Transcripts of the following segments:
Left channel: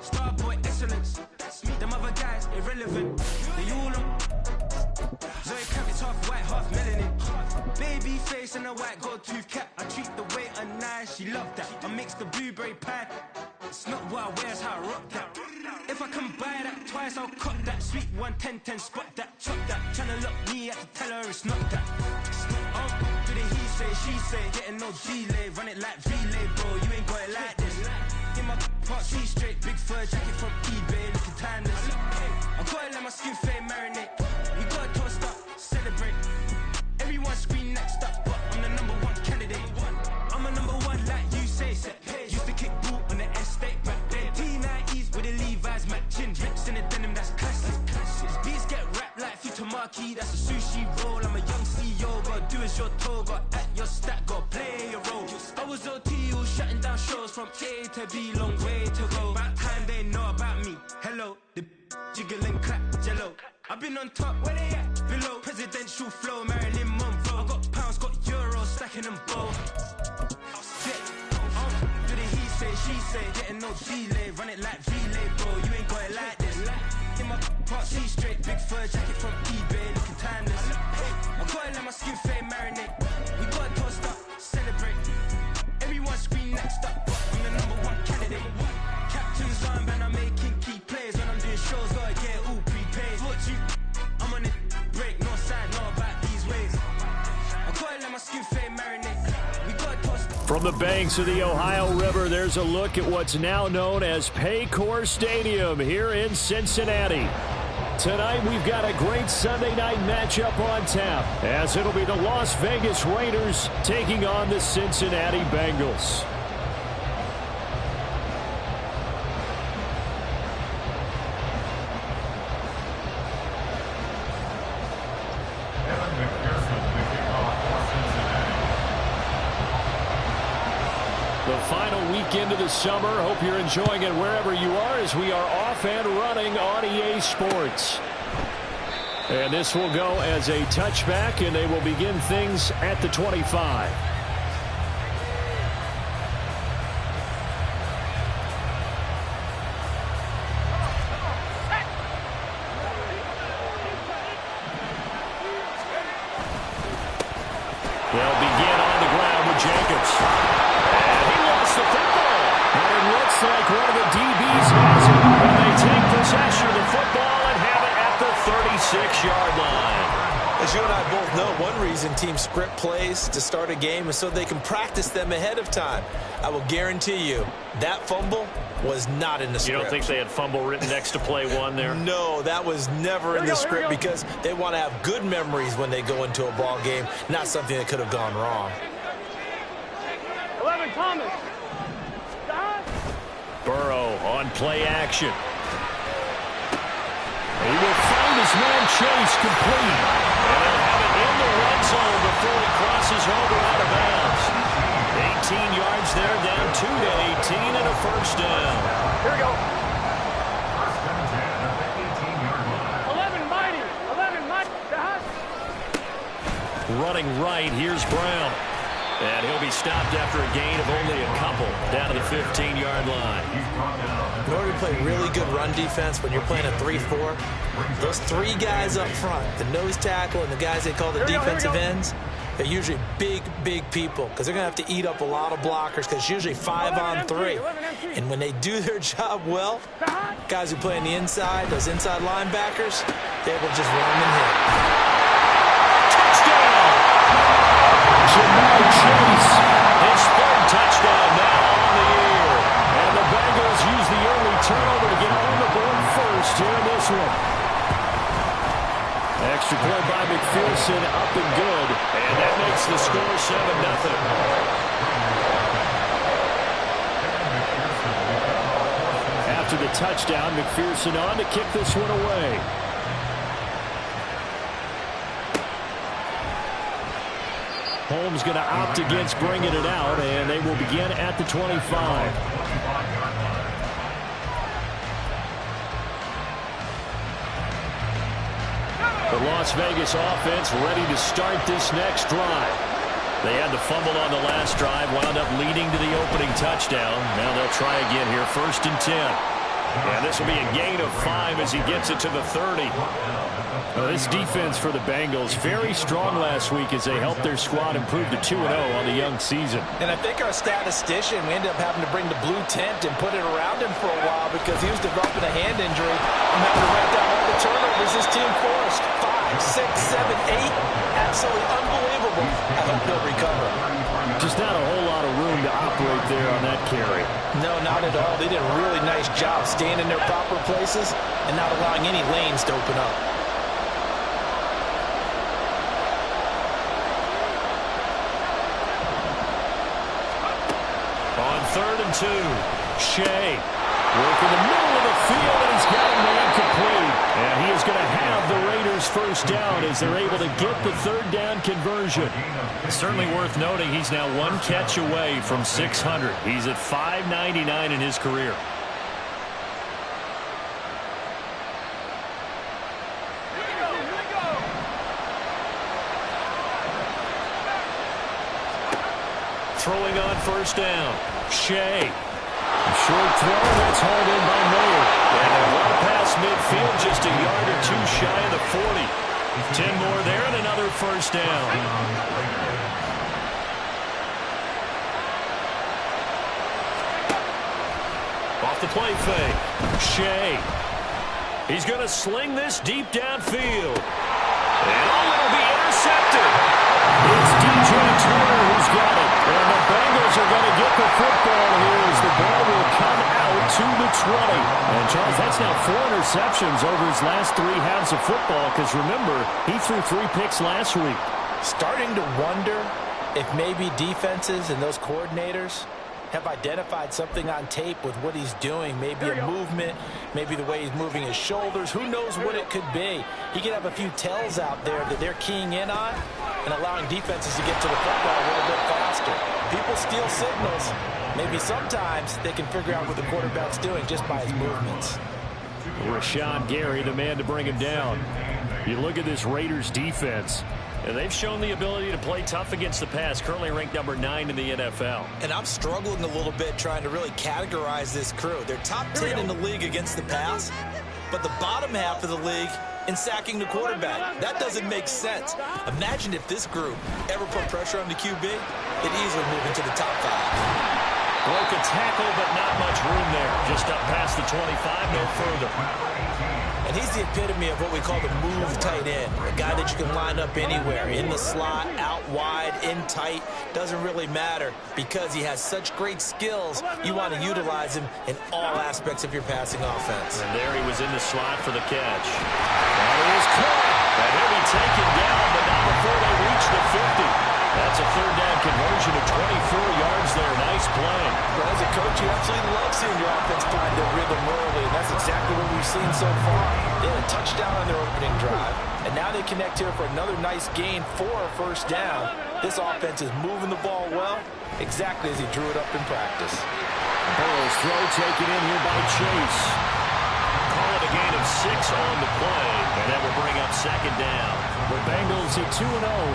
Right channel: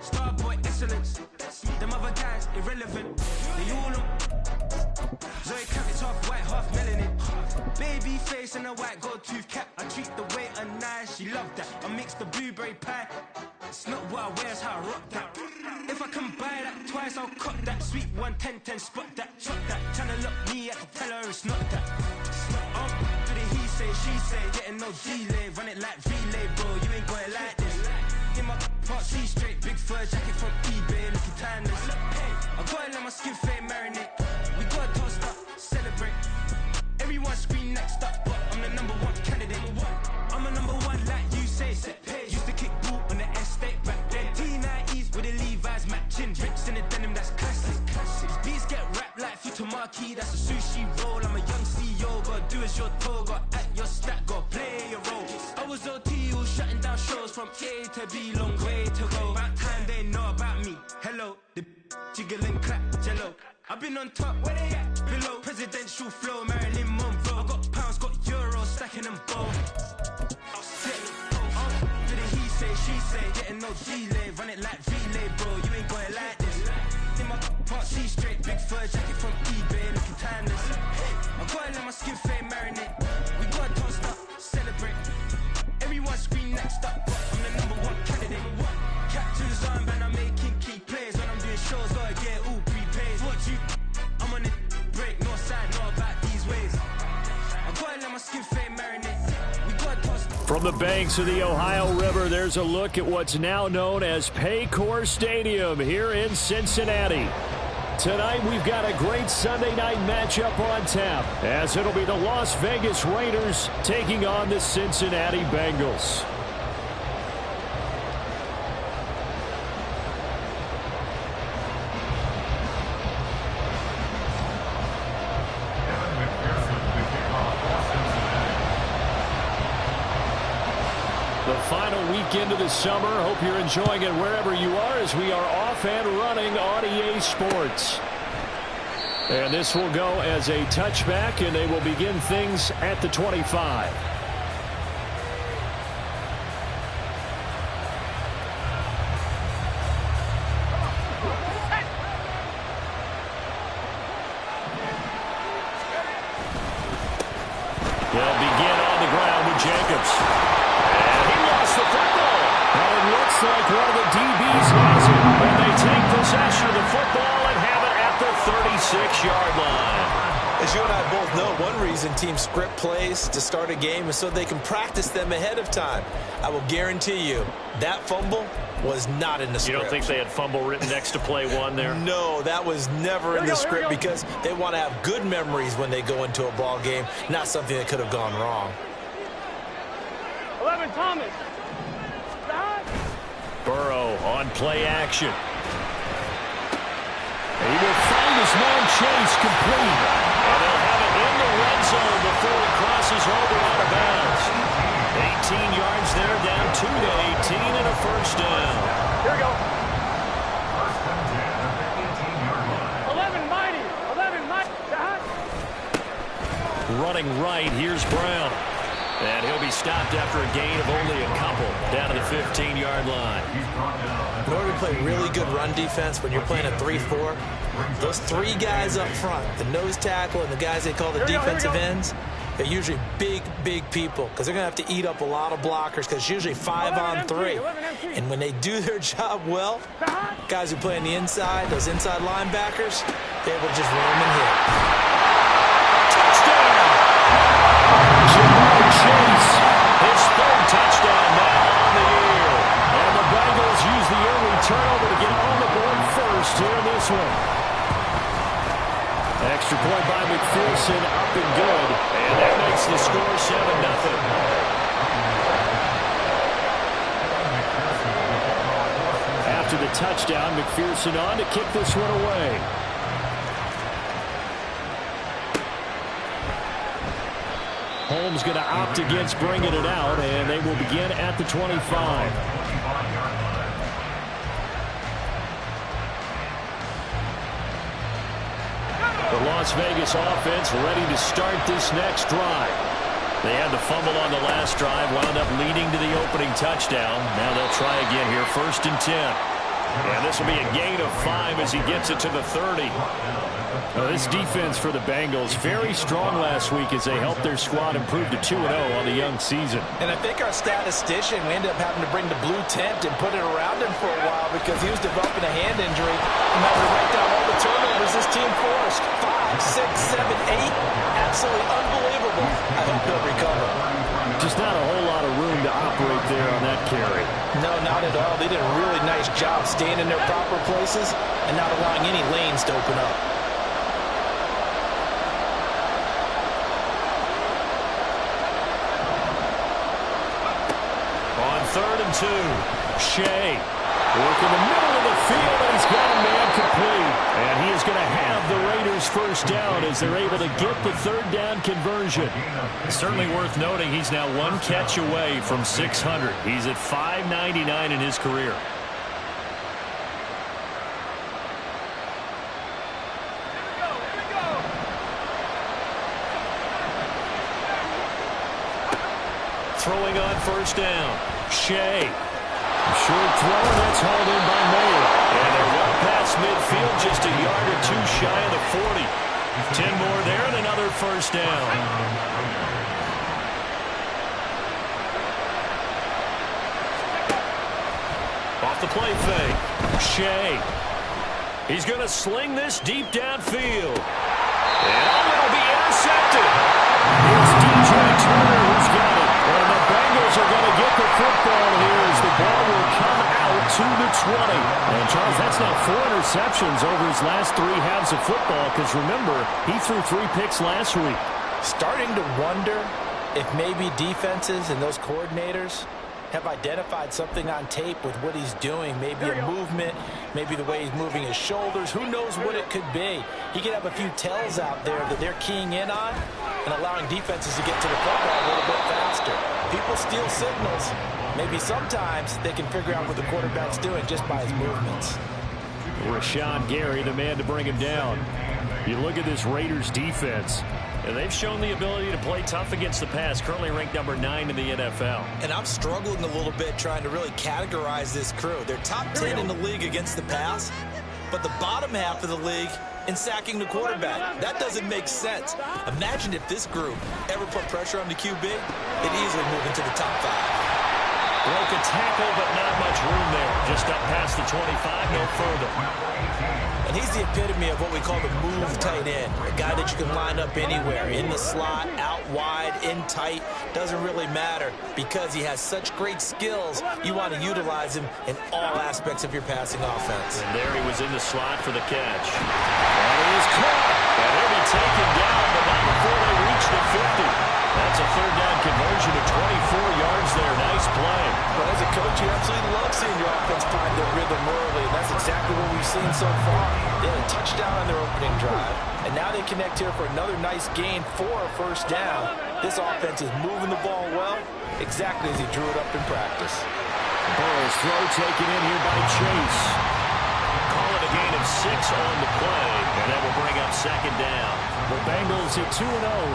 Starboy excellence. Them other guys irrelevant. They all on. Zoe Kravitz half white, half melanin. Baby face and a white gold tooth cap. I treat the waiter nice, she loved that. I mix the blueberry pie. It's not what I wear, it's how I rock that. If I can buy that twice, I'll cut that. Sweet 110, spot that, chop that. Tryna lock me, I have to tell her it's not that. Do the he say, she say, getting no delay. Run it like relay, bro, you ain't got it like this. In my part C straight, big fur jacket from eBay, looking timeless. I gotta let my skin fade marinate. We gotta toast up, celebrate. Everyone scream next up, but I'm the #1 candidate. I'm a #1 like you say, set page. Used to kick boot on the estate back then. T90s with the Levi's matching. Rips in the denim, that's classic. These beats get wrapped like Futamaki, that's a sushi roll. I'm a young CEO, gotta do as you're told. Gotta act your stat, gotta play your role. I was OT, all shutting down shows from A to B, long way to go. About time they know about me. Hello, the jiggle and clap, jello. I've been on top, where they at? Below, presidential flow, Marilyn Monroe. I got pounds, got euros, stacking them both. I'll sit, do the he say, she say, getting no delay. Run it like relay, bro, you ain't got it like this. In my part C straight, big fur jacket from eBay, looking timeless. I gotta let my skin fade marinate. We gotta toast up, celebrate. Everyone scream next up, but I'm the #1 candidate. Captain's armband, I'm making key plays. When I'm doing shows, gotta get it all prepaid. Thought you, I'm on it, break, no side, know about these ways. I gotta let my skin fade marinate. We gotta toast. From the banks of the Ohio River, there's a look at what's now known as Paycor Stadium here in Cincinnati. Tonight, we've got a great Sunday night matchup on tap, as it'll be the Las Vegas Raiders taking on the Cincinnati Bengals. The final weekend of the summer. Hope you're enjoying it wherever you are, as we are off and running on EA Sports. And this will go as a touchback, and they will begin things at the 25. They'll begin on the ground with Jacobs. And he lost the football. But it looks like one of the DBs has it. And they take possession of the football and have it at the 36-yard line. As you and I both know, one reason teams script plays to start a game is so they can practice them ahead of time. I will guarantee you that fumble was not in the script. You don't think they had fumble written next to play one there? No, that was never in the script, because they want to have good memories when they go into a ball game, not something that could have gone wrong. 11, Thomas. Burrow on play action. He will find his man Chase complete. And they'll have it in the red zone before he crosses over out of bounds. 18 yards there, down 2 to 18, and a first down. Here we go. First and 10 at the 18-yard line. 11, mighty. 11, mighty. Running right, here's Brown. And he'll be stopped after a gain of only a couple, down to the 15-yard line. In order to play really good run defense when you're playing a 3-4, those three guys up front, the nose tackle and the guys they call the defensive ends, they're usually big, big people, because they're going to have to eat up a lot of blockers, because it's usually 5 on 3. And when they do their job well, guys who play on the inside, those inside linebackers, they're able to just run them and hit. Touchdown! Jamar Chase, his third touchdown now on the year. And the Bengals use the early turnover to get on the board first here in this one. Extra point by McPherson, up and good. And that makes the score 7-0. After the touchdown, McPherson on to kick this one away. Holmes going to opt against bringing it out, and they will begin at the 25. The Las Vegas offense ready to start this next drive. They had the fumble on the last drive, wound up leading to the opening touchdown. Now they'll try again here, 1st and 10. And this will be a gain of 5 as he gets it to the 30. This defense for the Bengals, very strong last week as they helped their squad improve to 2-0 on the young season. And I think our statistician, we ended up having to bring the blue tent and put it around him for a while because he was developing a hand injury and having to write down all the turnovers this team forced. 5, 6, 7, 8. Absolutely unbelievable. I hope he'll recover. Just not a whole lot of room to operate there on that carry. No, not at all. They did a really nice job staying in their proper places and not allowing any lanes to open up. On 3rd and 2, Shea working the middle of the field, and he's got a man complete. And he is going to have the Raiders first down as they're able to get the 3rd down conversion. Certainly worth noting he's now 1 catch away from 600. He's at 599 in his career. Throwing on 1st down, Shea. Short throw, that's hauled in by Mayer. And they're well past midfield, just a yard or 2 shy of the 40. 10 more there and another 1st down. Off the play fake, Shea. He's going to sling this deep downfield. And it'll be intercepted. It's DJ Turner who's got it. And the Bengals are going to get the football here as the ball will come out to the 20. And, Charles, that's now 4 interceptions over his last 3 halves of football because, remember, he threw 3 picks last week. Starting to wonder if maybe defenses and those coordinators have identified something on tape with what he's doing. Maybe a movement, maybe the way he's moving his shoulders. Who knows what it could be? He could have a few tells out there that they're keying in on and allowing defenses to get to the football a little bit faster. People steal signals. Maybe sometimes they can figure out what the quarterback's doing just by his movements. Rashawn Gary, the man to bring him down. You look at this Raiders defense, and they've shown the ability to play tough against the pass, currently ranked number 9 in the NFL. And I'm struggling a little bit trying to really categorize this crew. They're top 10 in the league against the pass, but the bottom half of the league in sacking the quarterback. That doesn't make sense. Imagine if this group ever put pressure on the QB, they'd easily move into the top 5. Broke a tackle, but not much room there. Just up past the 25, no further. And he's the epitome of what we call the move tight end. A guy that you can line up anywhere, in the slot, out wide, in tight. Doesn't really matter because he has such great skills. You want to utilize him in all aspects of your passing offense. And there he was in the slot for the catch. And he is caught. And he'll be taken down, but not before they reach the 50. That's a 3rd down conversion of 24 yards there. Nice play. But as a coach, you absolutely love seeing your offense find their rhythm early, and that's exactly what we've seen so far. They had a touchdown on their opening drive, and now they connect here for another nice gain for a 1st down. This offense is moving the ball well, exactly as he drew it up in practice. Burrow's throw taken in here by Chase. Call it a gain of 6 on the play, and that will bring up 2nd down. The Bengals at 2-0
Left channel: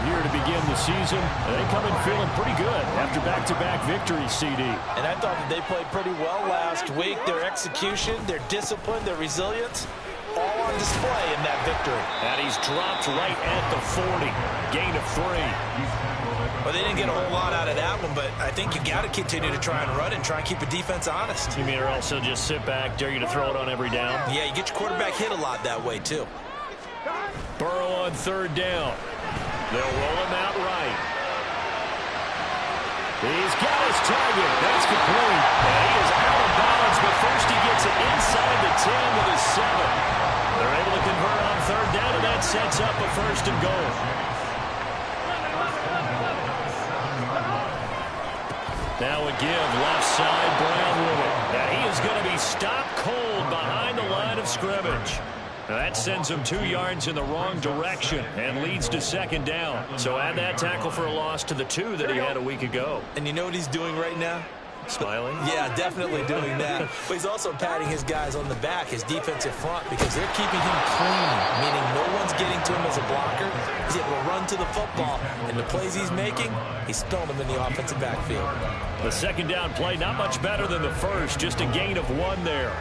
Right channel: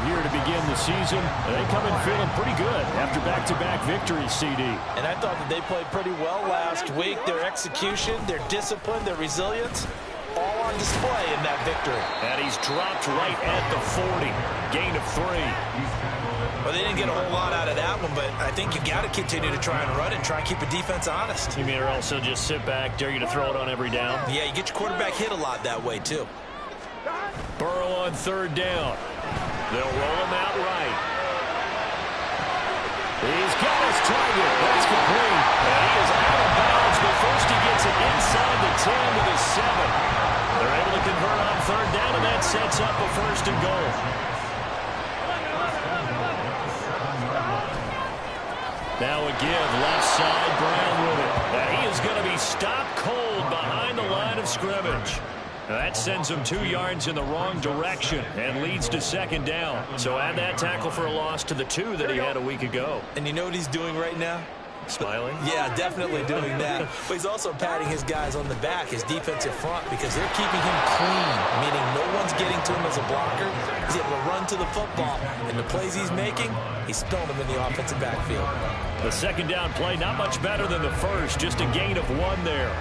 here to begin the season. They come in feeling pretty good after back-to-back victories, CD. And I thought that they played pretty well last week. Their execution, their discipline, their resilience, all on display in that victory. And he's dropped right at the 40. Gain of 3. Well, they didn't get a whole lot out of that one, but I think you got to continue to try and run it and try and keep the defense honest. You mean or else he'll just sit back, dare you to throw it on every down? Yeah, you get your quarterback hit a lot that way, too. Burrow on 3rd down. They'll roll him out right. He's got his target. That's complete. And he is out of bounds, but first he gets it inside the 10 to the 7. They're able to convert on 3rd down, and that sets up a 1st and goal. Now a give, left side, Brown with it. And he is going to be stopped cold behind the line of scrimmage. Now that sends him 2 yards in the wrong direction and leads to 2nd down. So add that tackle for a loss to the 2 that he had a week ago. And you know what he's doing right now? Smiling? Yeah, definitely doing that. But he's also patting his guys on the back, his defensive front, because they're keeping him clean, meaning no one's getting to him as a blocker. He's able to run to the football, and the plays he's making, he's throwing them in the offensive backfield. The second down play, not much better than the first, just a gain of 1 there.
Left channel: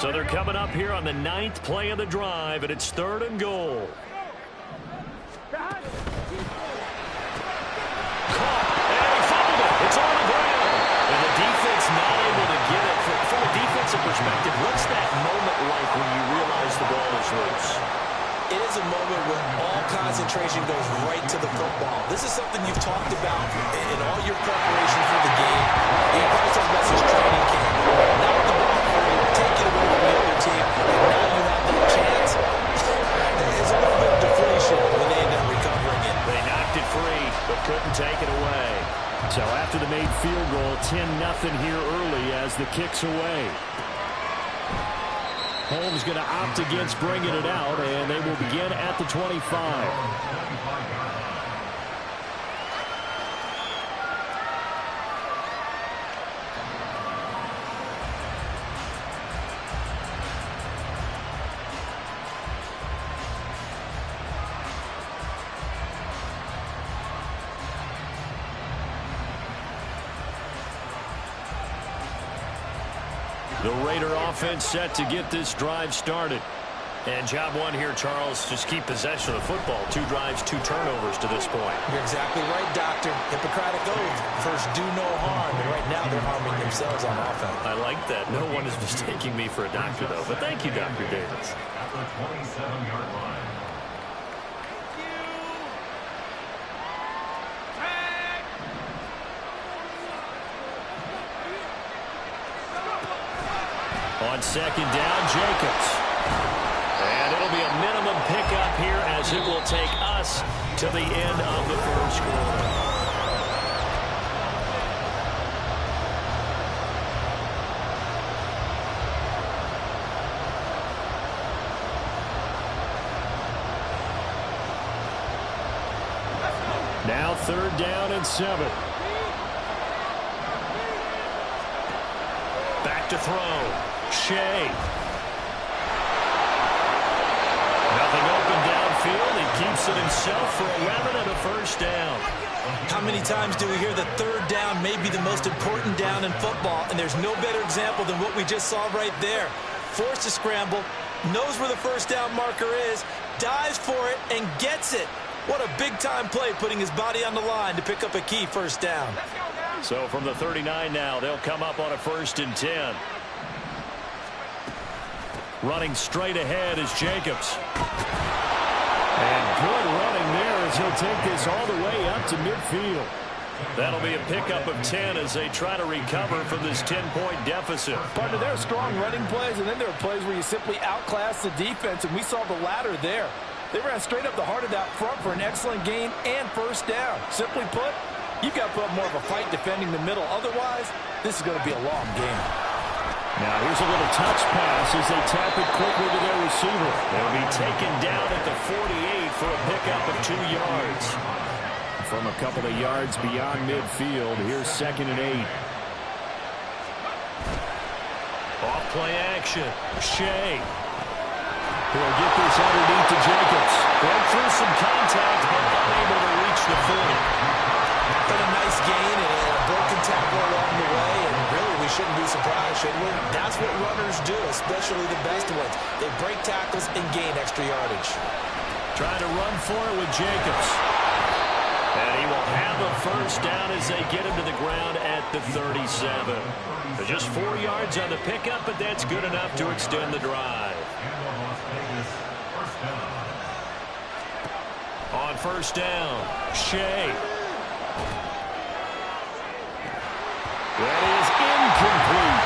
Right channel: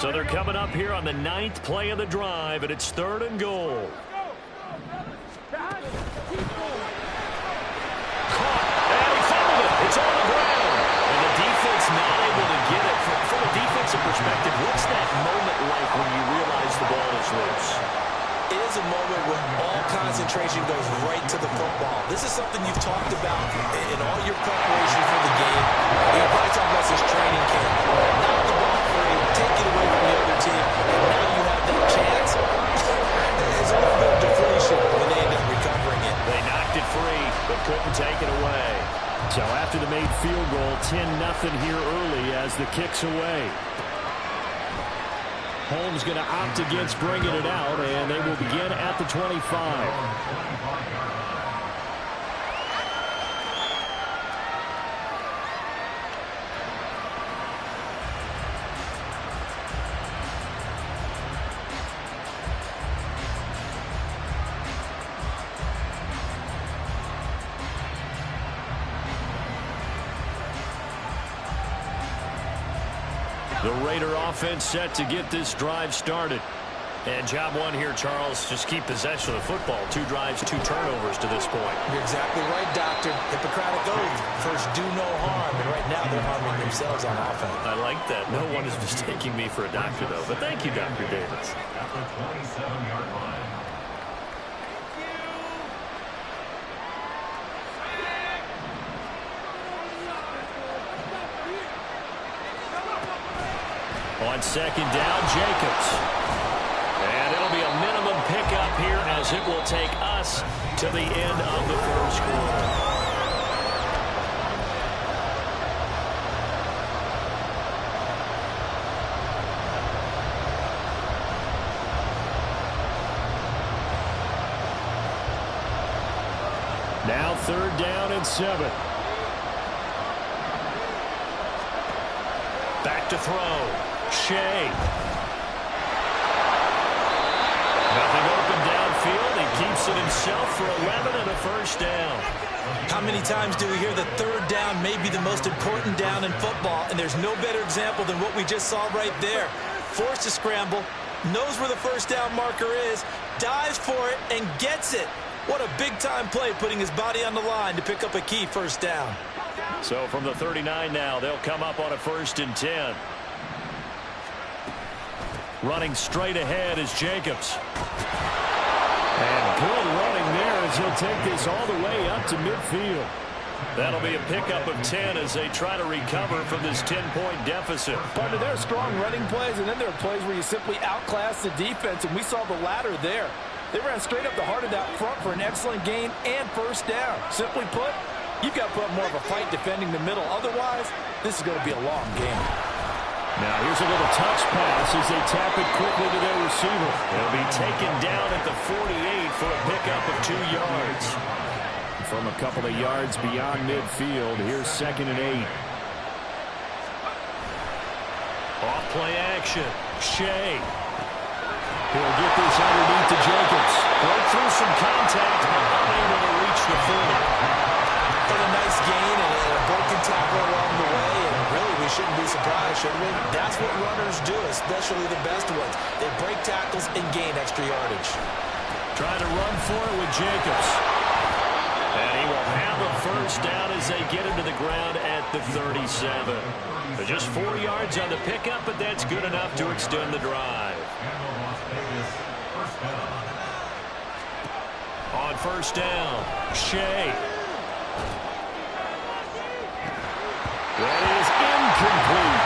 So they're coming up here on the 9th play of the drive, and it's 3rd and goal. Caught, and he fumbled it. It's on the ground. And the defense not able to get it. From a defensive perspective, what's that moment like when you realize the ball is loose? It is a moment where all concentration goes right to the football. This is something you've talked about in all your preparation for the game. You probably talked about since training camp. Knock the ball free, take it away from the other team, and now you have that chance. There's a little bit of deflation when they end up recovering it. They knocked it free, but couldn't take it away. So after the made field goal, 10-0 here early as the kick's away. Holmes going to opt against bringing it out, and they will begin at the 25. The Raider offense set to get this drive started. And job 1 here, Charles, just keep possession of the football. 2 drives, 2 turnovers to this point. You're exactly right, Doctor. Hippocratic oath. First, do no harm. And right now, they're harming themselves on offense. I like that. No one is mistaking me for a doctor, though. But thank you, Dr. Davis. At the 27-yard line. On second down, Jacobs. And it'll be a minimum pickup here as it will take us to the end of the first quarter. Now 3rd down and 7. Back to throw. Shea. Nothing open downfield. He keeps it himself for 11 and a first down. How many times do we hear that 3rd down may be the most important down in football, and there's no better example than what we just saw right there. Forced to scramble, knows where the first down marker is, dives for it, and gets it. What a big-time play, putting his body on the line to pick up a key first down. So from the 39 now, they'll come up on a 1st and 10. Running straight ahead is Jacobs. And good running there as he'll take this all the way up to midfield. That'll be a pickup of 10 as they try to recover from this 10-point deficit. Partner, there are strong running plays, and then there are plays where you simply outclass the defense, and we saw the latter there. They ran straight up the heart of that front for an excellent gain and first down. Simply put, you've got to put up more of a fight defending the middle. Otherwise, this is going to be a long game. Now here's a little touch pass as they tap it quickly to their receiver. It'll be taken down at the 48 for a pickup of 2 yards. From a couple of yards beyond midfield, here's 2nd and 8. Off play action. Shea. He'll get this underneath to Jacobs. Broke through some contact, but unable to reach the 40. But a nice gain and a broken tackle along the way, and really we shouldn't be surprised, should we? That's what runners do, especially the best ones. They break tackles and gain extra yardage. Trying to run for it with Jacobs. And he will have a first down as they get him to the ground at the 37. So just 4 yards on the pickup, but that's good enough to extend the drive. On first down, Shea. That is incomplete.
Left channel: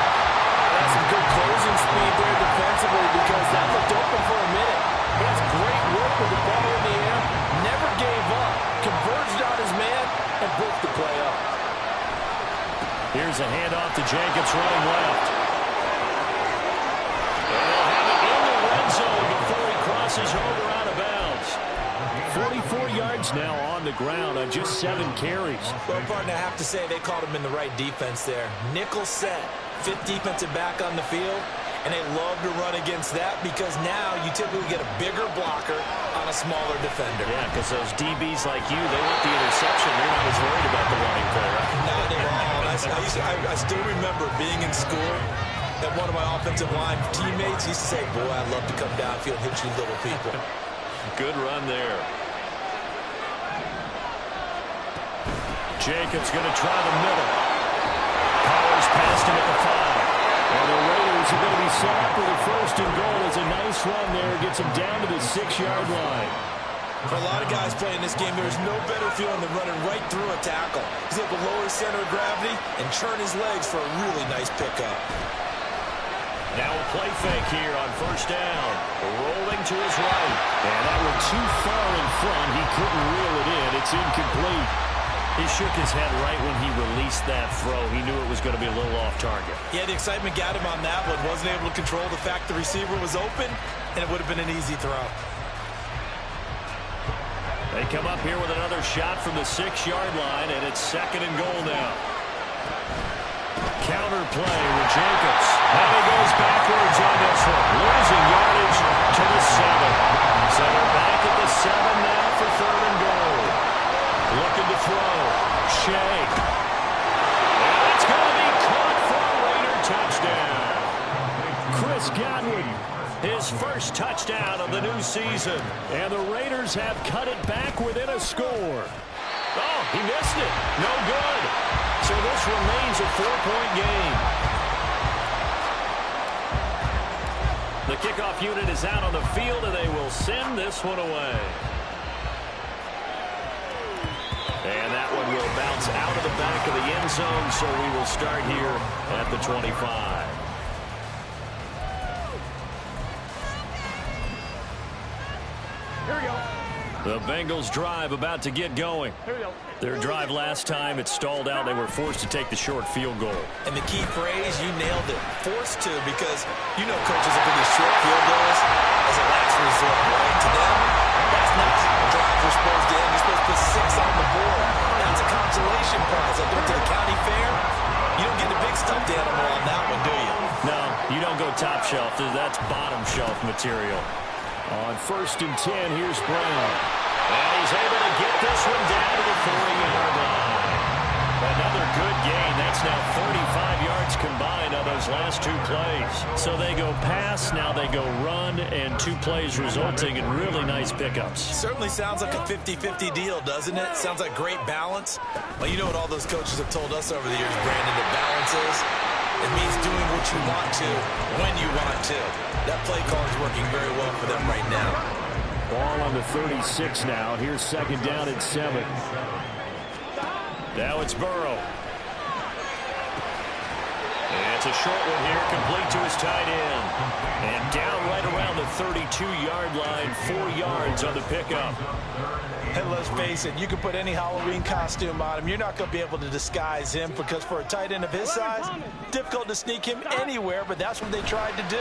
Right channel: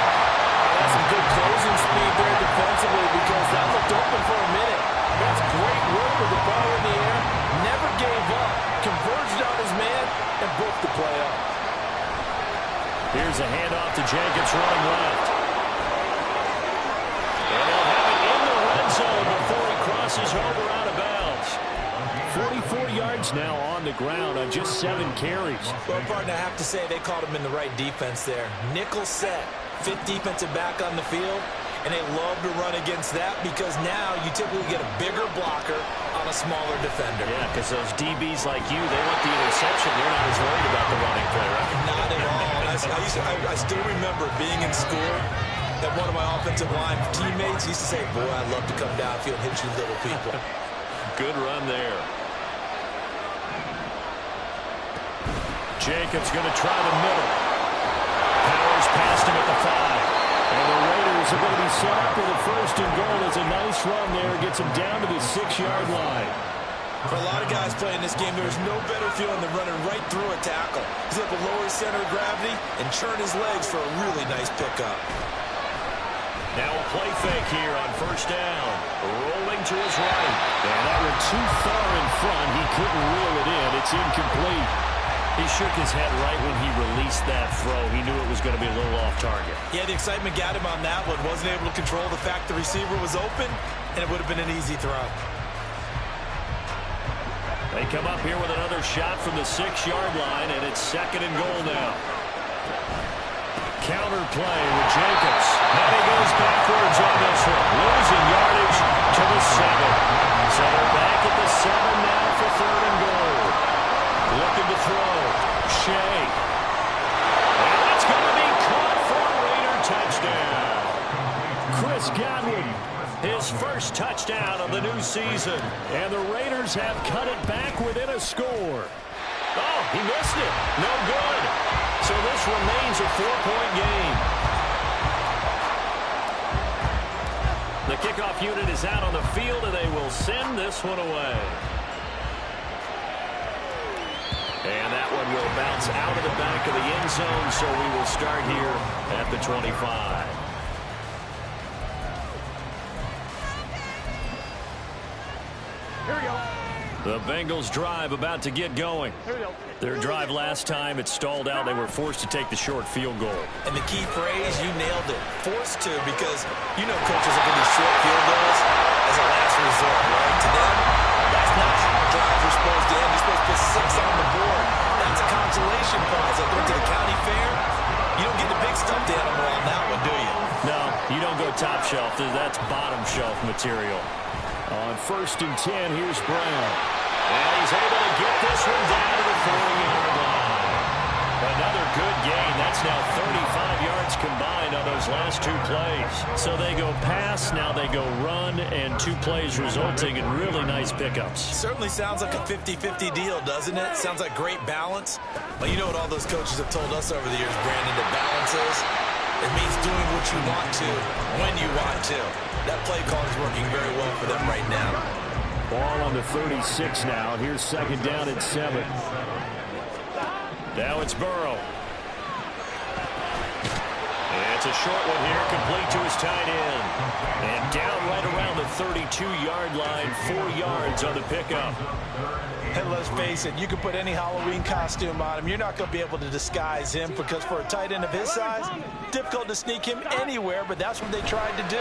That's some good closing speed there defensively because that looked open for a minute. That's great work with the ball in the air. Never gave up. Converged on his man and broke the play up. Here's a handoff to Jacobs running left. And they'll have it in the red zone crosses over out of bounds. 44 yards now on the ground on just 7 carries. Well, partner, I have to say they called him in the right defense there. Nickel set, 5th defensive back on the field, and they love to run against that because now you typically get a bigger blocker on a smaller defender. Yeah, because those DBs like you, they want the interception. They're not as worried about the running play, right? Not at all. I still remember being in school, and one of my offensive line teammates used to say, boy, I'd love to come downfield and hit you little people. Good run there. Jacobs going to try the middle. Powers past him at the 5. And the Raiders are going to be set up with a 1st and goal. It's a nice run there. Gets them down to the 6-yard line. For a lot of guys playing this game, there's no better feeling than running right through a tackle. He's able to lower his center of gravity and churn his legs for a really nice pickup. Now a play fake here on 1st down. Rolling to his right. And that one too far in front. He couldn't reel it in. It's incomplete. He shook his head right when he released that throw. He knew it was going to be a little off target. Yeah, the excitement got him on that one. Wasn't able to control the fact the receiver was open, and it would have been an easy throw. They come up here with another shot from the 6-yard line, and it's 2nd and goal now. Counter play with Jacobs. And he goes backwards on this one. Losing yardage to the 7. So they're back at the 7 now for 3rd and goal. Looking to throw. Shea. And that's going to be caught for a Raider touchdown. Chris Godwin, his first touchdown of the new season. And the Raiders have cut it back within a score. Oh, he missed it. No good. So this remains a 4-point game. The kickoff unit is out on the field, and they will send this one away. And that one will bounce out of the back of the end zone, so we will start here at the 25. Here we go. The Bengals drive about to get going. Here we go. Their drive last time, it stalled out. They were forced to take the short field goal. And the key phrase, you nailed it. Forced to, because you know coaches look at these short field goals as a last resort, right? To them, that's not how drives are supposed to end. You're supposed to put 6 on the board. That's a consolation prize. Like going to the county fair, you don't get the big stuffed animal on that one, do you? No, you don't go top shelf. That's bottom shelf material. On 1st and 10, here's Brown. And he's able to get this one down to the 4-yard line. Another good gain. That's now 35 yards combined on those last 2 plays. So they go pass, now they go run, and 2 plays resulting in really nice pickups. Certainly sounds like a 50-50 deal, doesn't it? Sounds like great balance. Well, you know what all those coaches have told us over the years, Brandon, that balance is? It means doing what you want to, when you want to. That play call is working very well for them right now. Ball on the 36 now. Here's 2nd down at 7. Now it's Burrow. And it's a short one here, complete to his tight end. And down right around the 32-yard line, 4 yards on the pickup. And let's face it, you can put any Halloween costume on him. You're not going to be able to disguise him because for a tight end of his size, difficult to sneak him anywhere, but that's what they tried to do.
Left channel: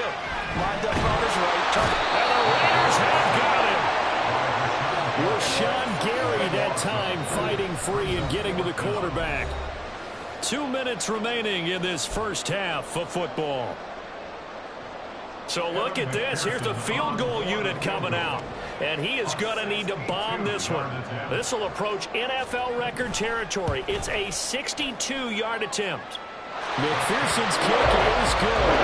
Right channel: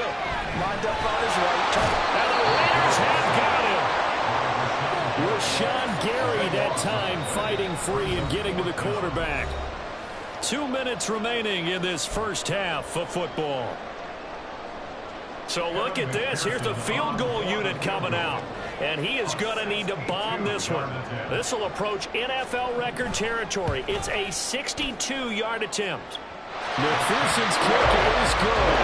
Lined up on his right. And the Raiders have got him. Rashawn Gary that time fighting free and getting to the quarterback. 2 minutes remaining in this first half of football. So look at this. Here's the field goal unit coming out. And he is going to need to bomb this one. This will approach NFL record territory. It's a 62-yard attempt. McPherson's kick is good.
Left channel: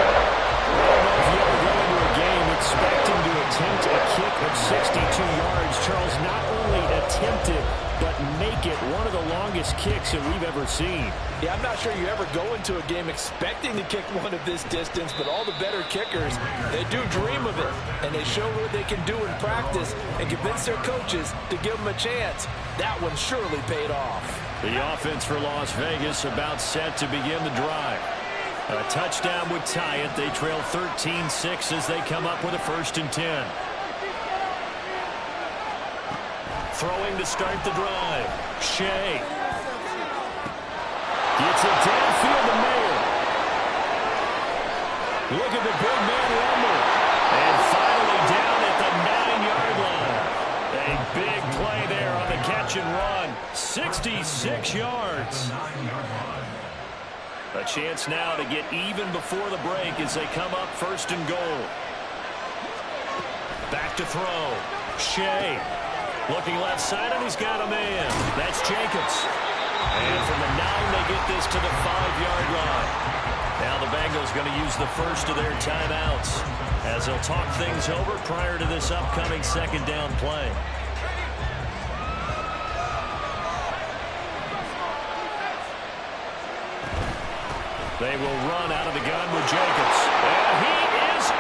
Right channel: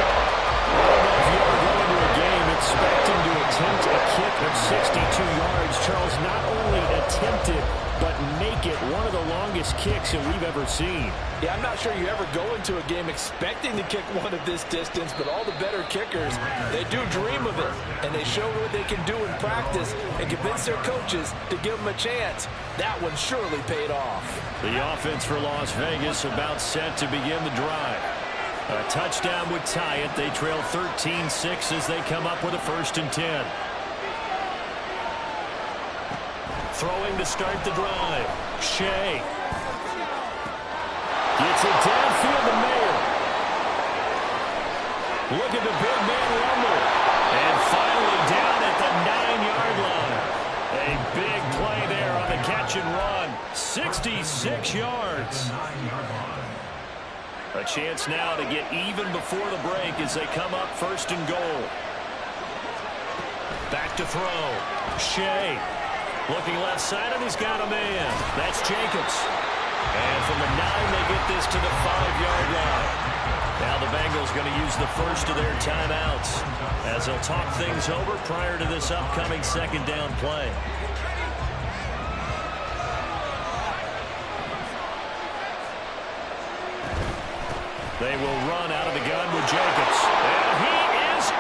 I don't know if you ever go into a game expecting to attempt a kick of 62 yards. Charles, not only attempt it, but make it one of the longest kicks that we've ever seen. Yeah, I'm not sure you ever go into a game expecting to kick one of this distance, but all the better kickers, they do dream of it, and they show what they can do in practice and convince their coaches to give them a chance. That one surely paid off. The offense for Las Vegas about set to begin the drive. A touchdown would tie it. They trail 13-6 as they come up with a 1st and 10. Throwing to start the drive. Shea. Gets it downfield to Mayer. Look at the big man rumble. And finally down at the catch and run. 66 yards. A chance now to get even before the break as they come up 1st and goal. Back to throw. Shea looking left side, and he's got a man. That's Jacobs. And from the 9, they get this to the 5-yard line. Now the Bengals going to use the first of their timeouts as they'll talk things over prior to this upcoming 2nd down play. They will run out of the gun with Jacobs. And he is in.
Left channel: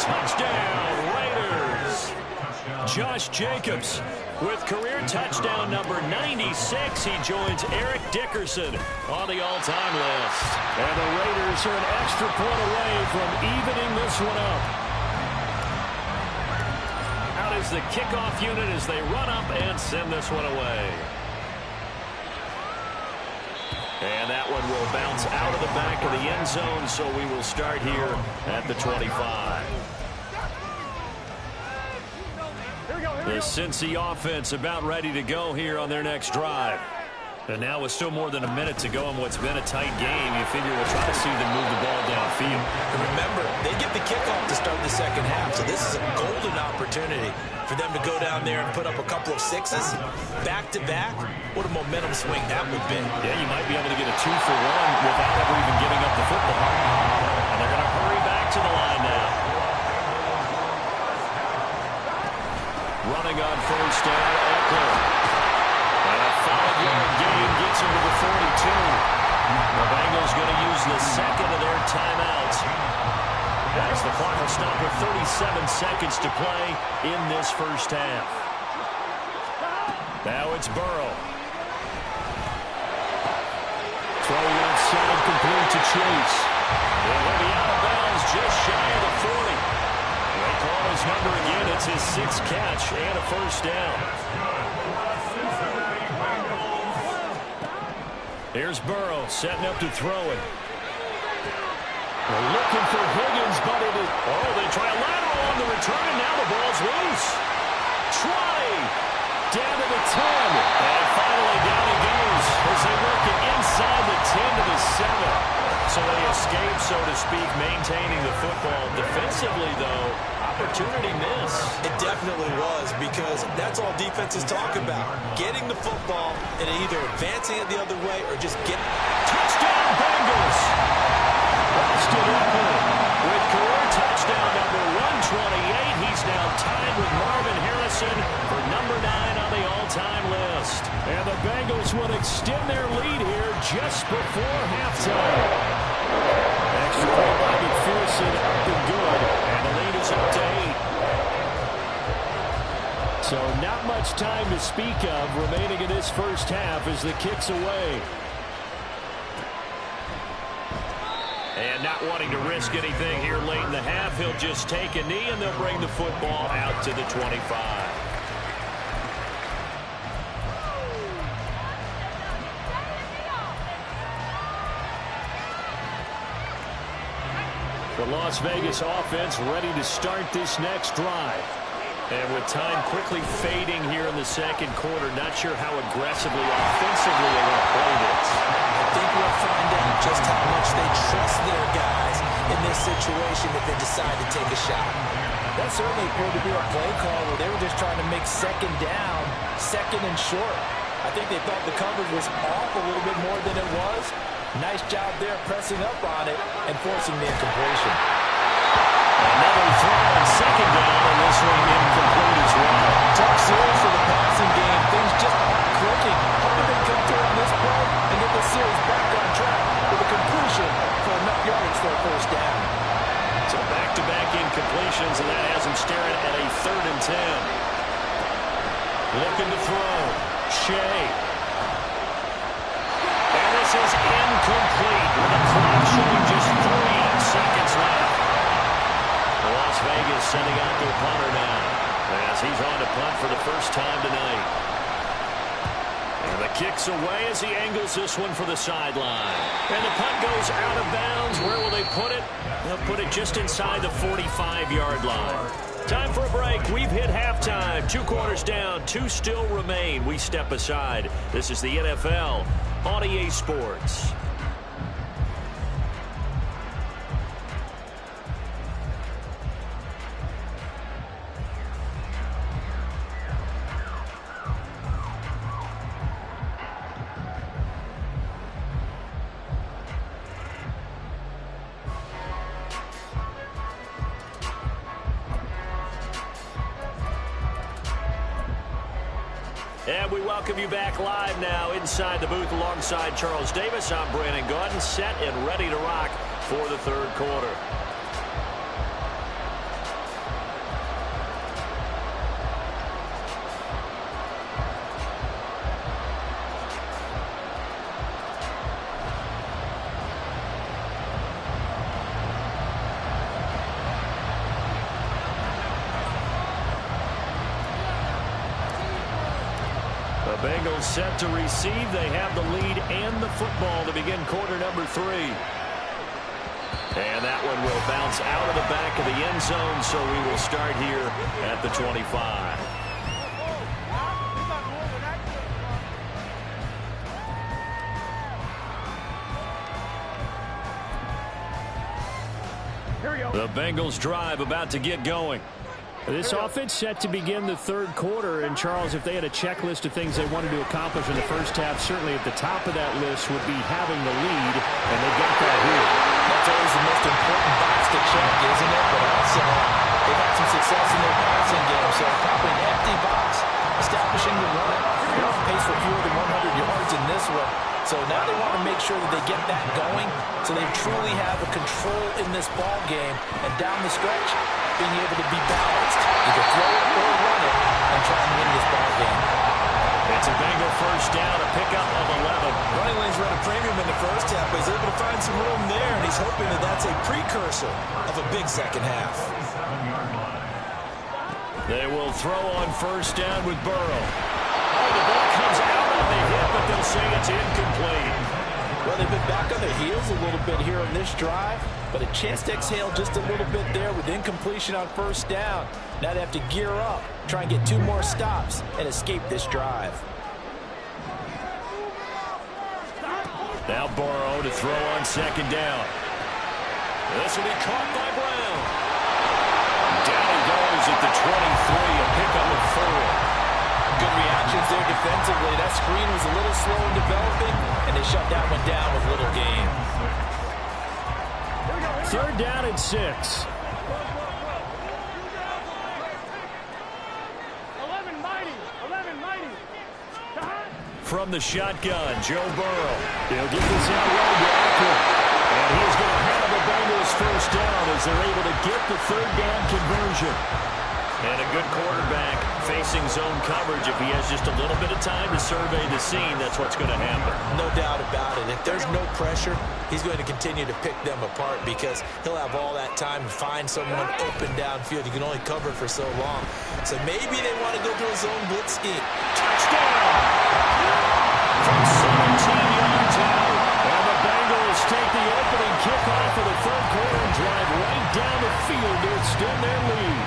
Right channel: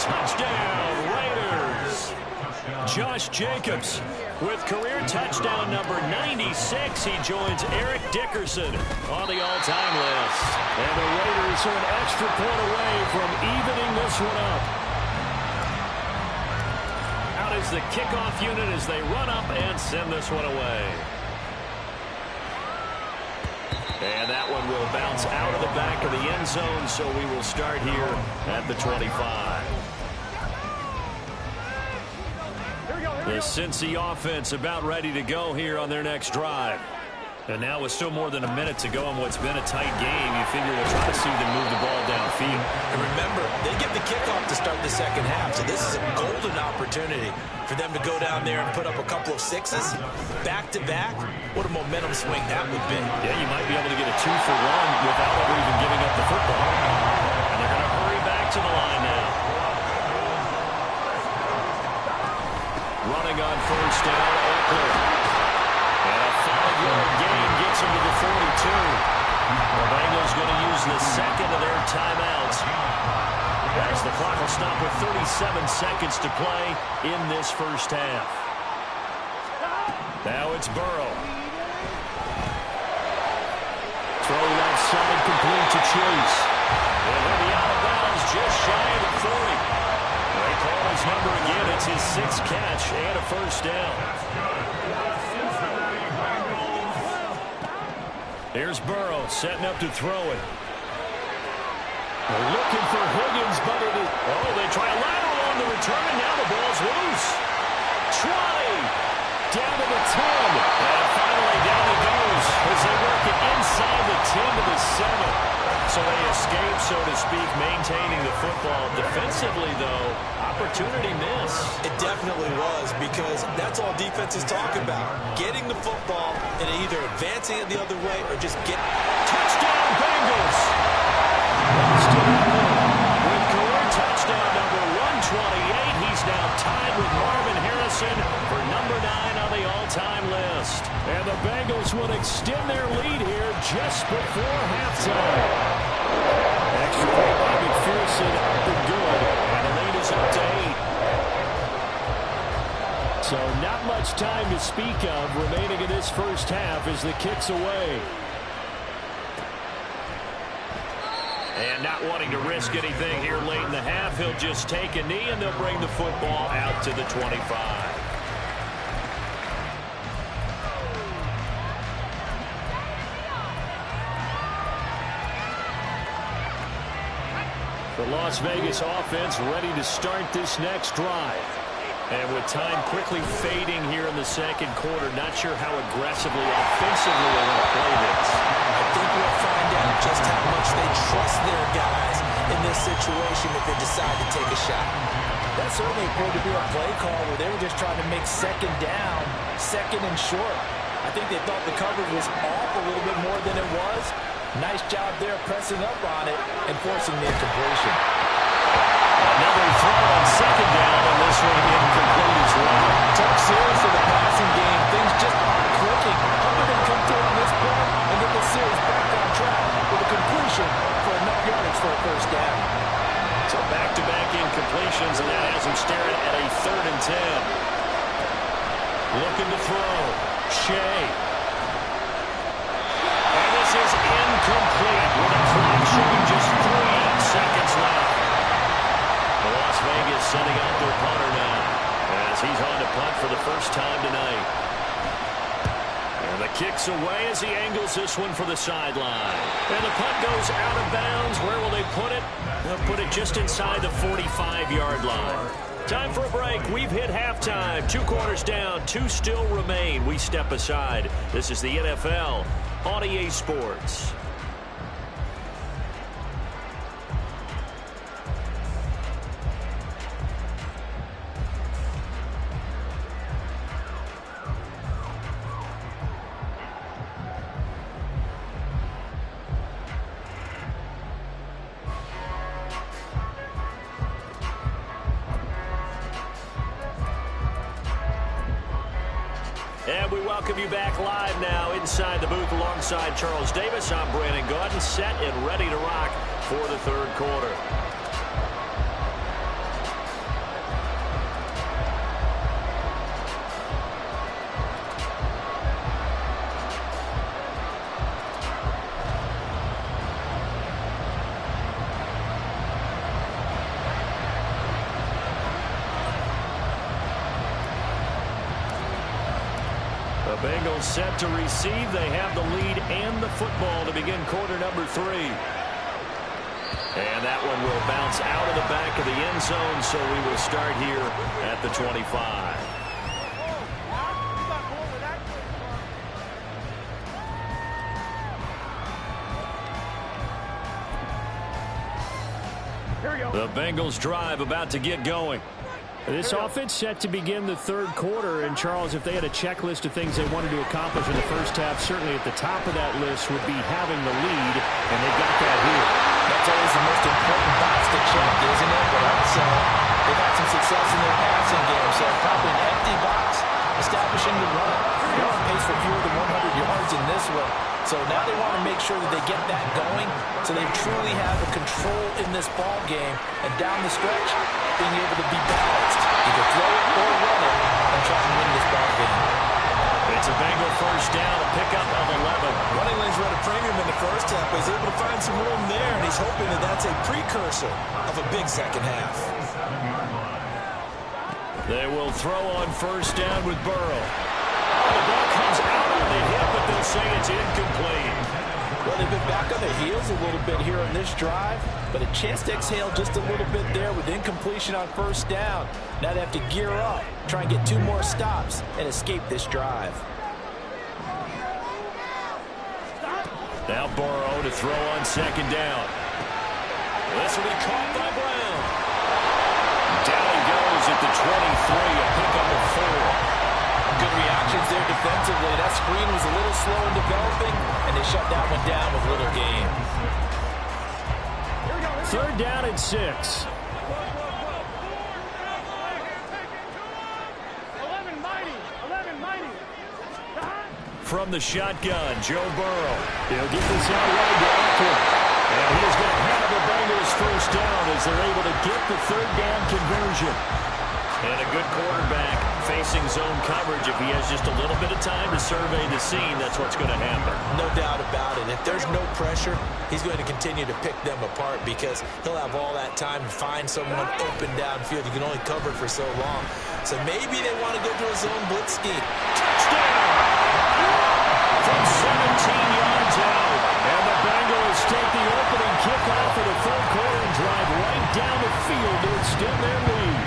Touchdown, Raiders. Josh Jacobs with career touchdown number 96. He joins Eric Dickerson on the all-time list. And the Raiders are an extra point away from evening this one up. Out is the kickoff unit as they run up and send this one away. And that one will bounce out of the back of the end zone, so we will start here at the 25. The Cincy offense about ready to go here on their next drive. And now with still more than a minute to go in what's been a tight game, you figure we'll try to see them move the ball downfield. And remember, they get the kickoff to start the 2nd half, so this is a golden opportunity for them to go down there and put up a couple of 6s back-to-back. What a momentum swing that would be. Yeah, you might be able to get a 2-for-1 without ever even giving up the football. And they're going to hurry back to the line now. Running on 1st down, Eckler. And a 5-yard gain gets him to the 42. The Bengals going to use the 2nd of their timeouts as the clock will stop with 37 seconds to play in this 1st half. Now it's Burrow. Throw left side complete to Chase. And he'll be out of bounds just shy of the 40. They call his number again. It's his 6th catch and a 1st down. Here's Burrow setting up to throw it. They're looking for Higgins, but it is... Oh, they try a lateral on the return, and now the ball's loose. 20. Down to the 10. And finally down he goes as they work it inside the 10 to the 7. So they escape, so to speak, maintaining the football. Defensively, though, opportunity miss. It definitely was, because that's all defenses talk about. Getting the football and either advancing it the other way or just get... Touchdown, Bengals! Austin Eckler with career touchdown number 128. He's now tied with Marvin Harrison for number 9 on the all-time list. And the Bengals would extend their lead here just before halftime. Extra point by McPherson, up and good. And the lead is up to 8. So not much time to speak of remaining in this 1st half as the kick's away. And not wanting to risk anything here late in the half, he'll just take a knee, and they'll bring the football out to the 25. The Las Vegas offense ready to start this next drive. And with time quickly fading here in the 2nd quarter, not sure how aggressively, offensively they want to play this. I think we'll find out just how much they trust their guys in this situation if they decide to take a shot. That certainly appeared to be a play call where they were just trying to make 2nd down, 2nd and short. I think they thought the coverage was off a little bit more than it was. Nice job there pressing up on it and forcing the incompletion. Another throw on 2nd down, and this one incomplete as well. Tough series for the passing game. Things just aren't clicking. Hoping they come through on this play and get the series back on track with a completion for enough yardage for a 1st down. So back-to-back incompletions, and that has him staring at a 3rd and 10. Looking to throw. Shea. And this is incomplete with a clock showing just 3 seconds left. Las Vegas sending out their punter now as he's on to punt for the 1st time tonight. And the kick's away as he angles this one for the sideline. And the punt goes out of bounds. Where will they put it? They'll put it just inside the 45-yard line. Time for a break. We've hit halftime. 2 quarters down. 2 still remain. We step aside. This is the NFL on EA Sports. And we welcome you back live now inside the booth alongside Charles Davis. I'm Brandon Gaudin, set and ready to rock for the third quarter. The Bengals set to receive. They have the lead and the football to begin quarter number 3. And that one will bounce out of the back of the end zone, so we will start here at the 25. Here we go. The Bengals drive about to get going. This offense set to begin the third quarter, and Charles, if they had a checklist of things they wanted to accomplish in the first half, certainly at the top of that list would be having the lead, and they got that here. That's always the most important box to check, isn't it? But also, they've had some success in their passing game, so probably an empty box establishing the run. They're on pace for fewer than 100 yards in this one. So now they want to make sure that they get that going so they truly have a control in this ball game. And down the stretch, being able to be balanced. Either throw it or run it and try and win this ball game. It's a Bengal first down, a pickup of 11. Running lanes run a premium in the first half, but he's able to find some room there, and he's hoping that that's a precursor of a big second half. They will throw on first down with Burrow. Oh, the ball comes out on the hip, but they'll say it's incomplete. Well, they've been back on their heels a little bit here on this drive, but a chance to exhale just a little bit there with incompletion on first down. Now they have to gear up, try and get 2 more stops, and escape this drive. Now Burrow to throw on second down. This will be caught by Brown. Down he goes at the 23, a pickup of 4. Good reactions there defensively. That screen was a little slow in developing, and they shut that one down with little gain. Third down and 6. 11 mighty. From the shotgun, Joe Burrow. He'll get this out wide to Eckler. And he is going to have the Bengals first down as they're able to get the third down conversion. And a good quarterback facing zone coverage. If he has just a little bit of time to survey the scene, that's what's going to happen. No doubt about it. If there's no pressure, he's going to continue to pick them apart because he'll have all that time to find someone open downfield. You can only cover for so long. So maybe they want to go to a zone blitz scheme. Touchdown! From 17 yards out. And the Bengals take the opening kickoff of the third quarter and drive right down the field to extend their lead.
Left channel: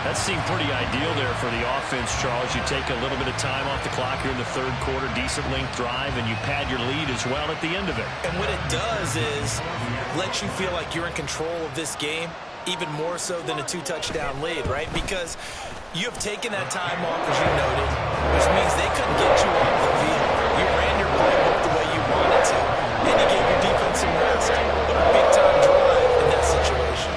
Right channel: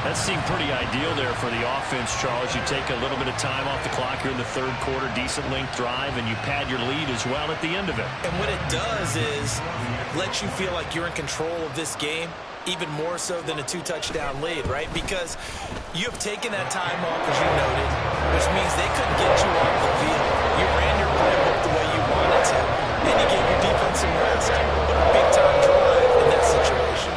That seemed pretty ideal there for the offense, Charles. You take a little bit of time off the clock here in the third quarter, decent length drive, and you pad your lead as well at the end of it. And what it does is let you feel like you're in control of this game, even more so than a 2-touchdown lead, right? Because you have taken that time off, as you noted, which means they couldn't get you off the field. You ran your playbook the way you wanted to, and you gave your defense some rest. But a big-time drive in that situation.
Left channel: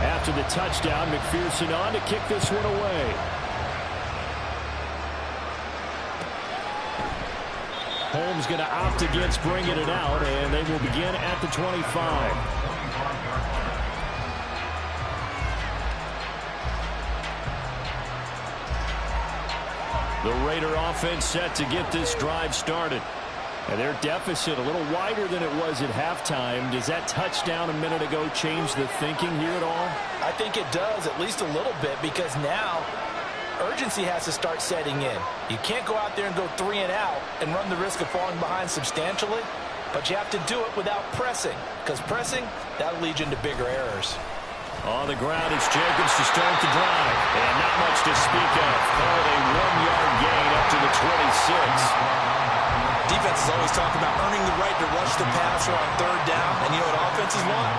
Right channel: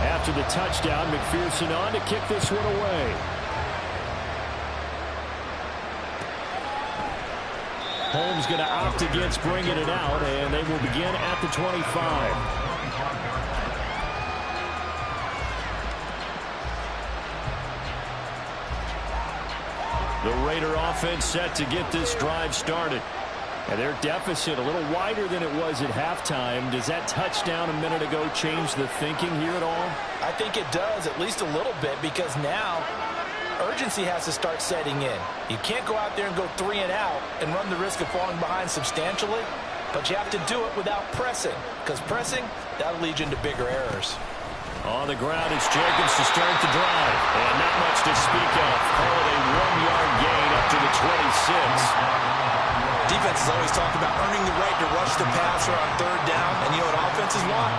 After the touchdown, McPherson on to kick this one away. Holmes going to opt against bringing it out, and they will begin at the 25. The Raider offense set to get this drive started. And their deficit a little wider than it was at halftime. Does that touchdown a minute ago change the thinking here at all? I think it does, at least a little bit, because now urgency has to start setting in. You can't go out there and go 3 and out and run the risk of falling behind substantially, but you have to do it without pressing, because pressing, that'll lead you into bigger errors. On the ground, it's Jacobs to start the drive. And not much to speak of. Call it a 1-yard gain up to the 26. Defense is always talking about earning the right to rush the passer on 3rd down. And you know what offenses want?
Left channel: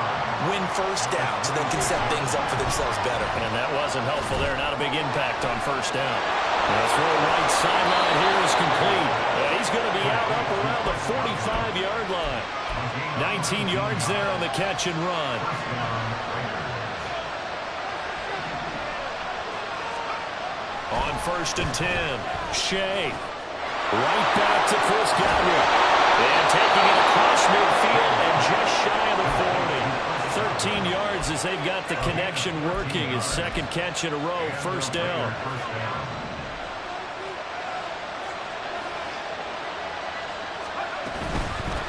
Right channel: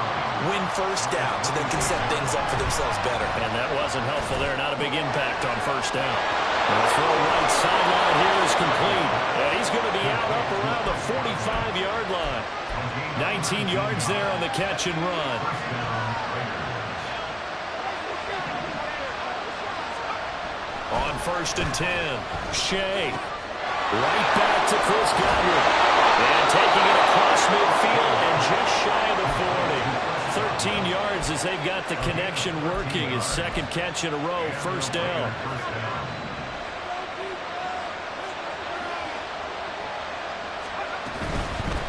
Win 1st down so they can set things up for themselves better. And that wasn't helpful there. Not a big impact on 1st down. The throw right sideline here is complete. And he's going to be out up around the 45-yard line. 19 yards there on the catch and run. On 1st and 10, Shea. Right back to Chris Godwin. And taking it across midfield and just shy of the 40. 13 yards as they've got the connection working. His 2nd catch in a row, 1st down.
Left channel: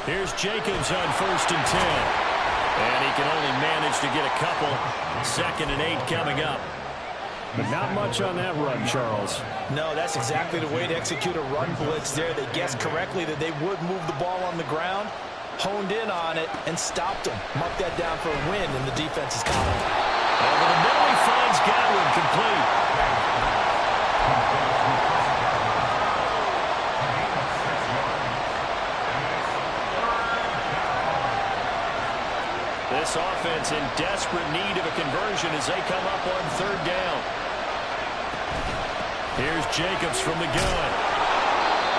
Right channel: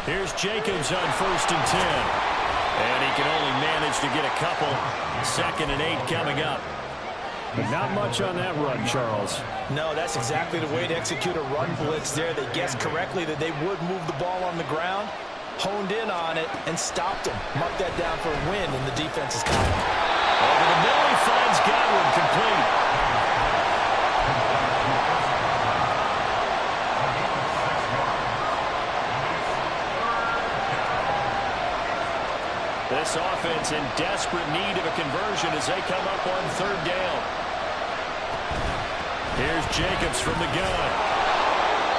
Here's Jacobs on 1st and 10. And he can only manage to get a couple. 2nd and 8 coming up. But not much on that run, Charles. No, that's exactly the way to execute a run blitz there. They guessed correctly that they would move the ball on the ground, honed in on it, and stopped them. Marked that down for a win in the defense's column. Over the middle, he finds Godwin complete. This offense in desperate need of a conversion as they come up on 3rd down. Here's Jacobs from the gun.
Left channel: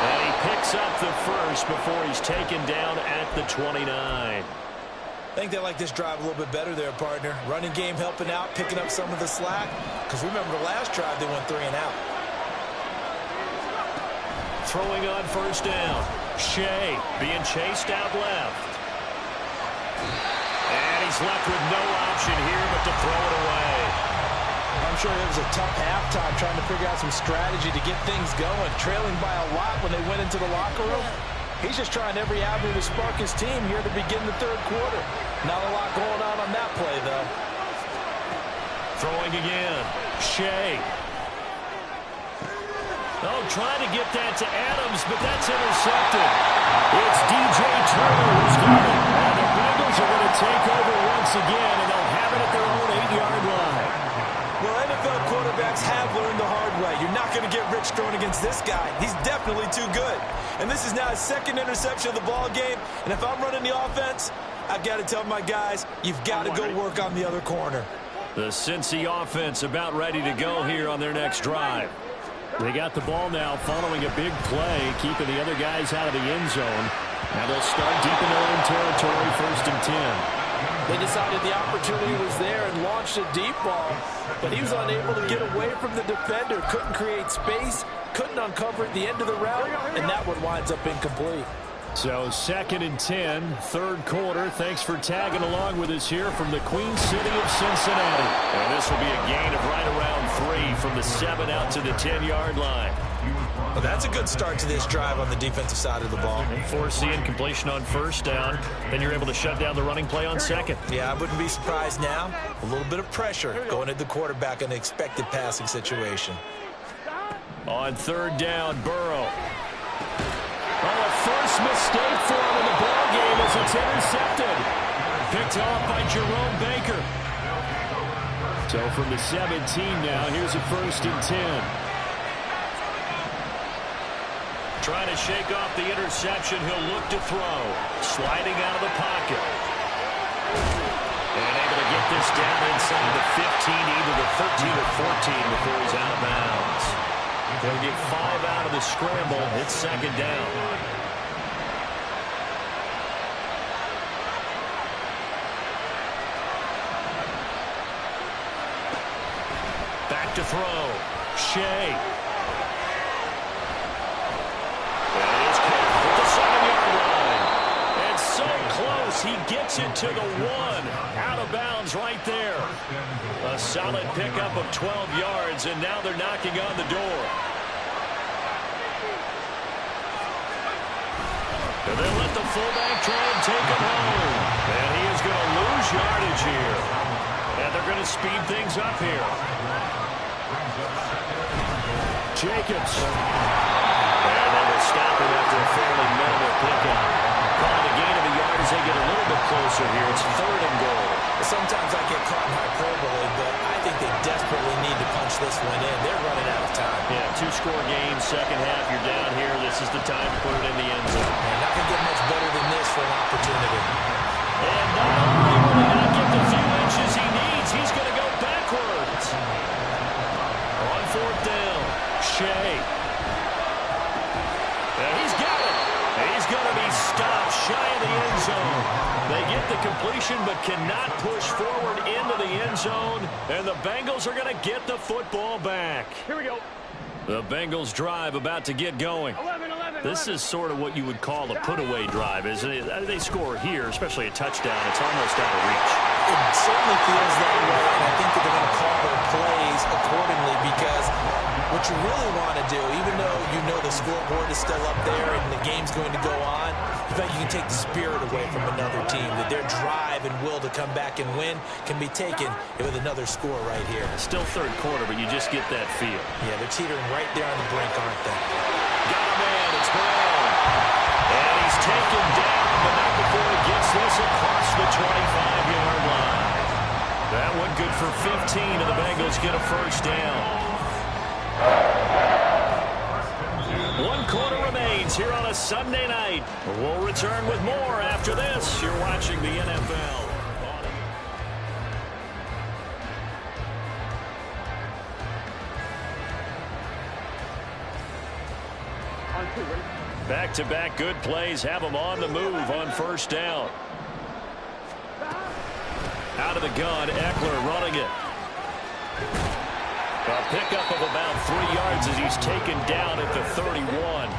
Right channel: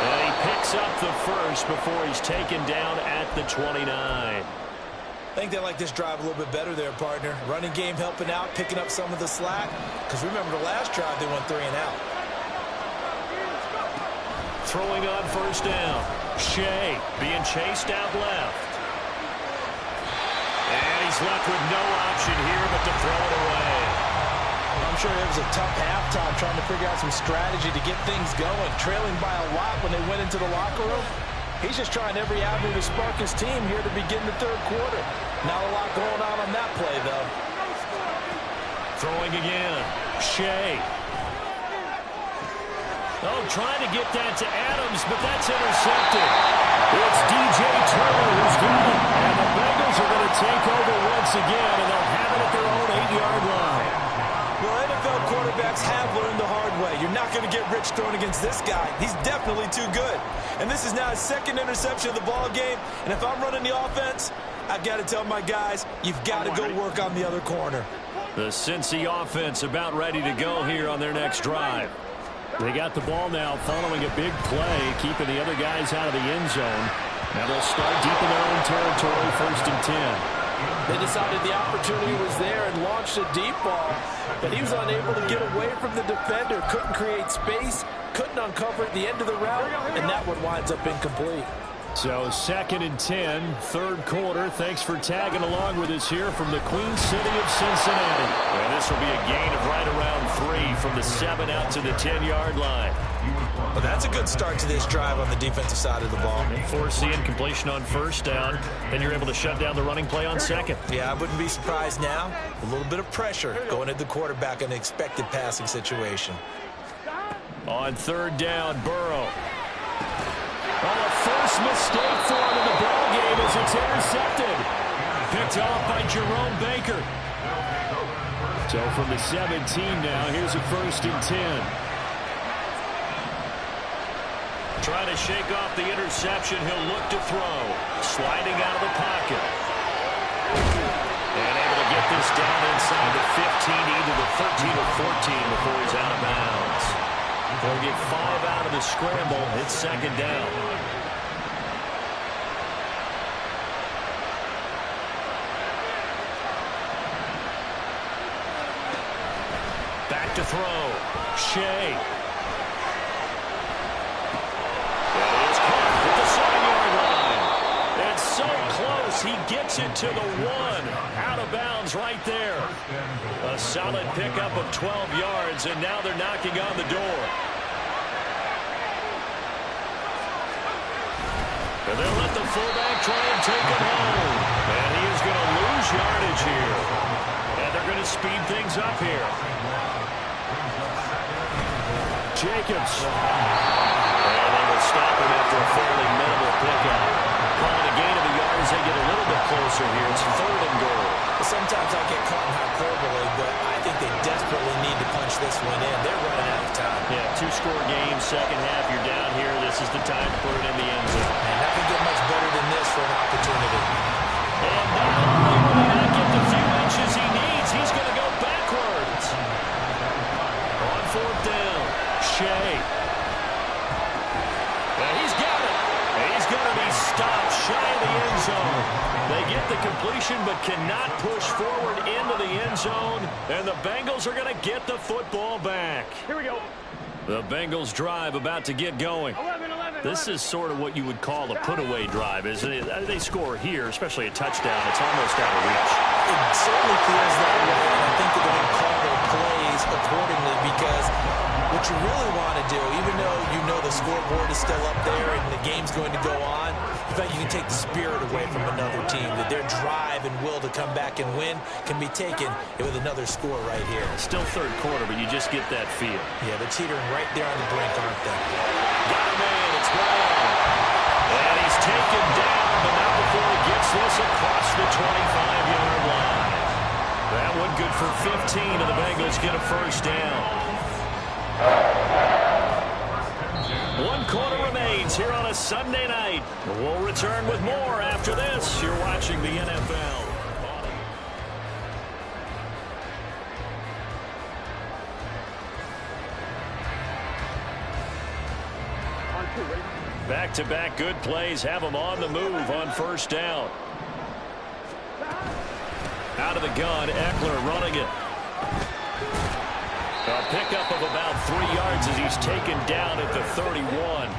And he picks up the 1st before he's taken down at the 29. I think they like this drive a little bit better there, partner. Running game helping out, picking up some of the slack. Because remember the last drive, they went 3 and out. Throwing on 1st down. Shea being chased out left. And he's left with no option here but to throw it away. I'm sure it was a tough halftime trying to figure out some strategy to get things going. Trailing by a lot when they went into the locker room. He's just trying every avenue to spark his team here to begin the 3rd quarter. Not a lot going on that play, though. Throwing again. Shea. Oh, trying to get that to Adams, but that's intercepted. It's DJ Turner who's got it. And the Bengals are going to take over once again, and they'll have it at their own 8-yard line. Well, NFL quarterbacks have learned the hard way. You're not going to get rich throwing against this guy. He's definitely too good. And this is now his 2nd interception of the ball game. And if I'm running the offense, I've got to tell my guys, you've got to go work on the other corner. The Cincy offense about ready to go here on their next drive. They got the ball now following a big play, keeping the other guys out of the end zone. Now they'll start deep in their own territory, 1st and 10. They decided the opportunity was there and launched a deep ball, but he was unable to get away from the defender, couldn't create space, couldn't uncover at the end of the route, and that one winds up incomplete. So 2nd and 10, 3rd quarter. Thanks for tagging along with us here from the Queen City of Cincinnati. And this will be a gain of right around 3 from the 7 out to the 10-yard line. Well, that's a good start to this drive on the defensive side of the ball. And foreseeing completion on 1st down. Then you're able to shut down the running play on 2nd. Yeah, I wouldn't be surprised now. A little bit of pressure going at the quarterback in an expected passing situation. On 3rd down, Burrow. Oh, a first mistake for him in the ball game as it's intercepted. Picked off by Jerome Baker. So from the 17 now, here's a 1st and 10. Trying to shake off the interception. He'll look to throw. Sliding out of the pocket. And able to get this down inside the 15, either the 13 or 14 before he's out of bounds. They'll get 5 out of the scramble. It's 2nd down. Back to throw. Shea. That is caught at the 7-yard line. It's so close. He gets it to the 1. Out of bounds right there. A solid pickup of 12 yards, and now they're knocking on the door. And they'll let the fullback try and take it home. And he is going to lose yardage here. And they're going to speed things up here. Jacobs. And they will stop him after a fairly minimal pickup. Calling a gain of a yard as they get a little bit closer here. It's 3rd and goal. Sometimes I get caught in hyperbole, but I think they desperately need to punch this one in. They're running out of time. Yeah, 2-score game, second half, you're down here. This is the time to put it in the end zone. And not going to get much better than this for an opportunity. And not only will he not get the few inches he needs, he's going to go backwards. On 4th down, Shea. He's got it. He's going to be stopped shy of the end zone. They get the completion but cannot push forward into the end zone. And the Bengals are going to get the football back. Here we go. The Bengals drive about to get going. 11. This is sort of what you would call a put-away drive, isn't it? They score here, especially a touchdown. It's almost out of reach. It certainly feels that way, and I think that they're going to call their plays accordingly because what you really want to do, even though you know the scoreboard is still up there and the game's going to go on, in fact, you can take the spirit away from another team, that their drive and will to come back and win can be taken with another score right here. Still 3rd quarter, but you just get that feel. Yeah, they're teetering right there on the brink, aren't they? Got a man. It's Brown. And he's taken down, but not before he gets this across the 25-yard line. That one good for 15, and the Bengals get a 1st down. 1 quarter remains here on a Sunday night. We'll return with more after this. You're watching the NFL. On 2, ready? Back-to-back good plays have them on the move on 1st down. Out of the gun, Eckler running it. A pickup of about 3 yards as he's taken down at the 31.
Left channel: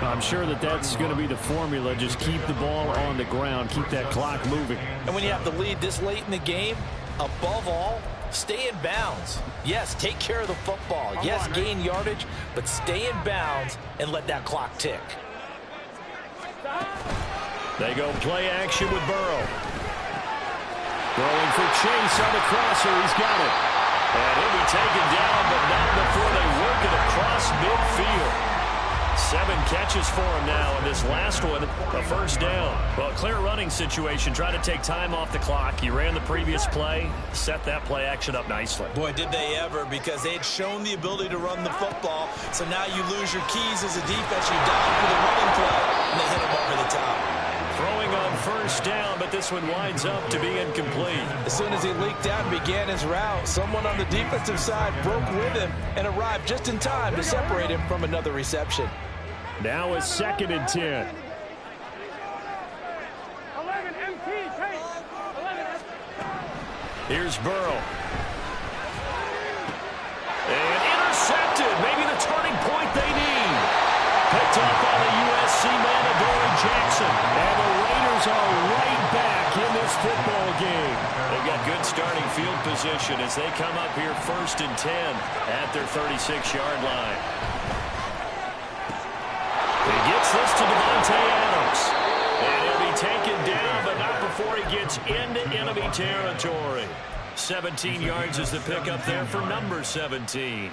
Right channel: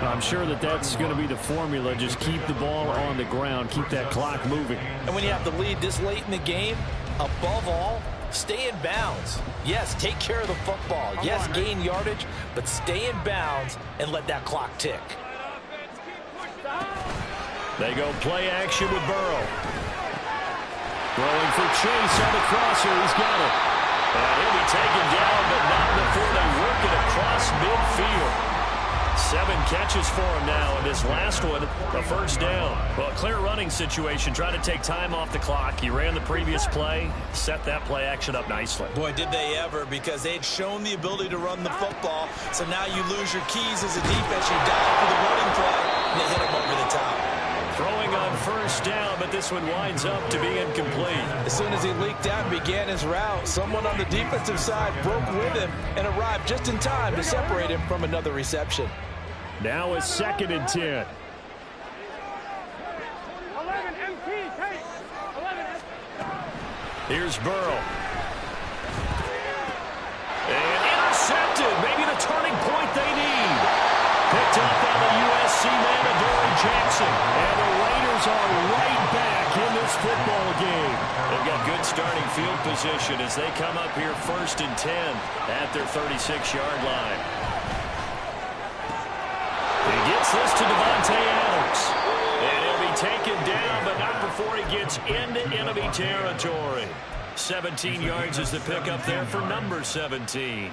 I'm sure that's going to be the formula. Just keep the ball on the ground. Keep that clock moving. And when you have the lead this late in the game, above all, stay in bounds. Yes, take care of the football. Yes, gain yardage, but stay in bounds and let that clock tick. They go play action with Burrow. Throwing for Chase on the crosser. He's got it. And he'll be taken down, but not before they work it across midfield. 7 catches for him now, and this last one, a 1st down. Well, clear running situation. Try to take time off the clock. He ran the previous play, set that play action up nicely. Boy, did they ever, because they had shown the ability to run the football. So now you lose your keys as a defense. You dial for the running play, and they hit him over the top. Throwing on 1st down, but this one winds up to be incomplete. As soon as he leaked out and began his route, someone on the defensive side broke with him and arrived just in time to separate him from another reception. Now it's 2nd and 10. 11 MT, take. 11. Here's Burrow. And intercepted. Maybe the turning point they need. Picked up by the USC man, Adoree Jackson. And the Raiders are right back in this football game. They've got good starting field position as they come up here 1st and 10 at their 36-yard line. He gets this to Devontae Adams. And he'll be taken down, but not before he gets into enemy territory. 17 yards is the pickup there for number 17.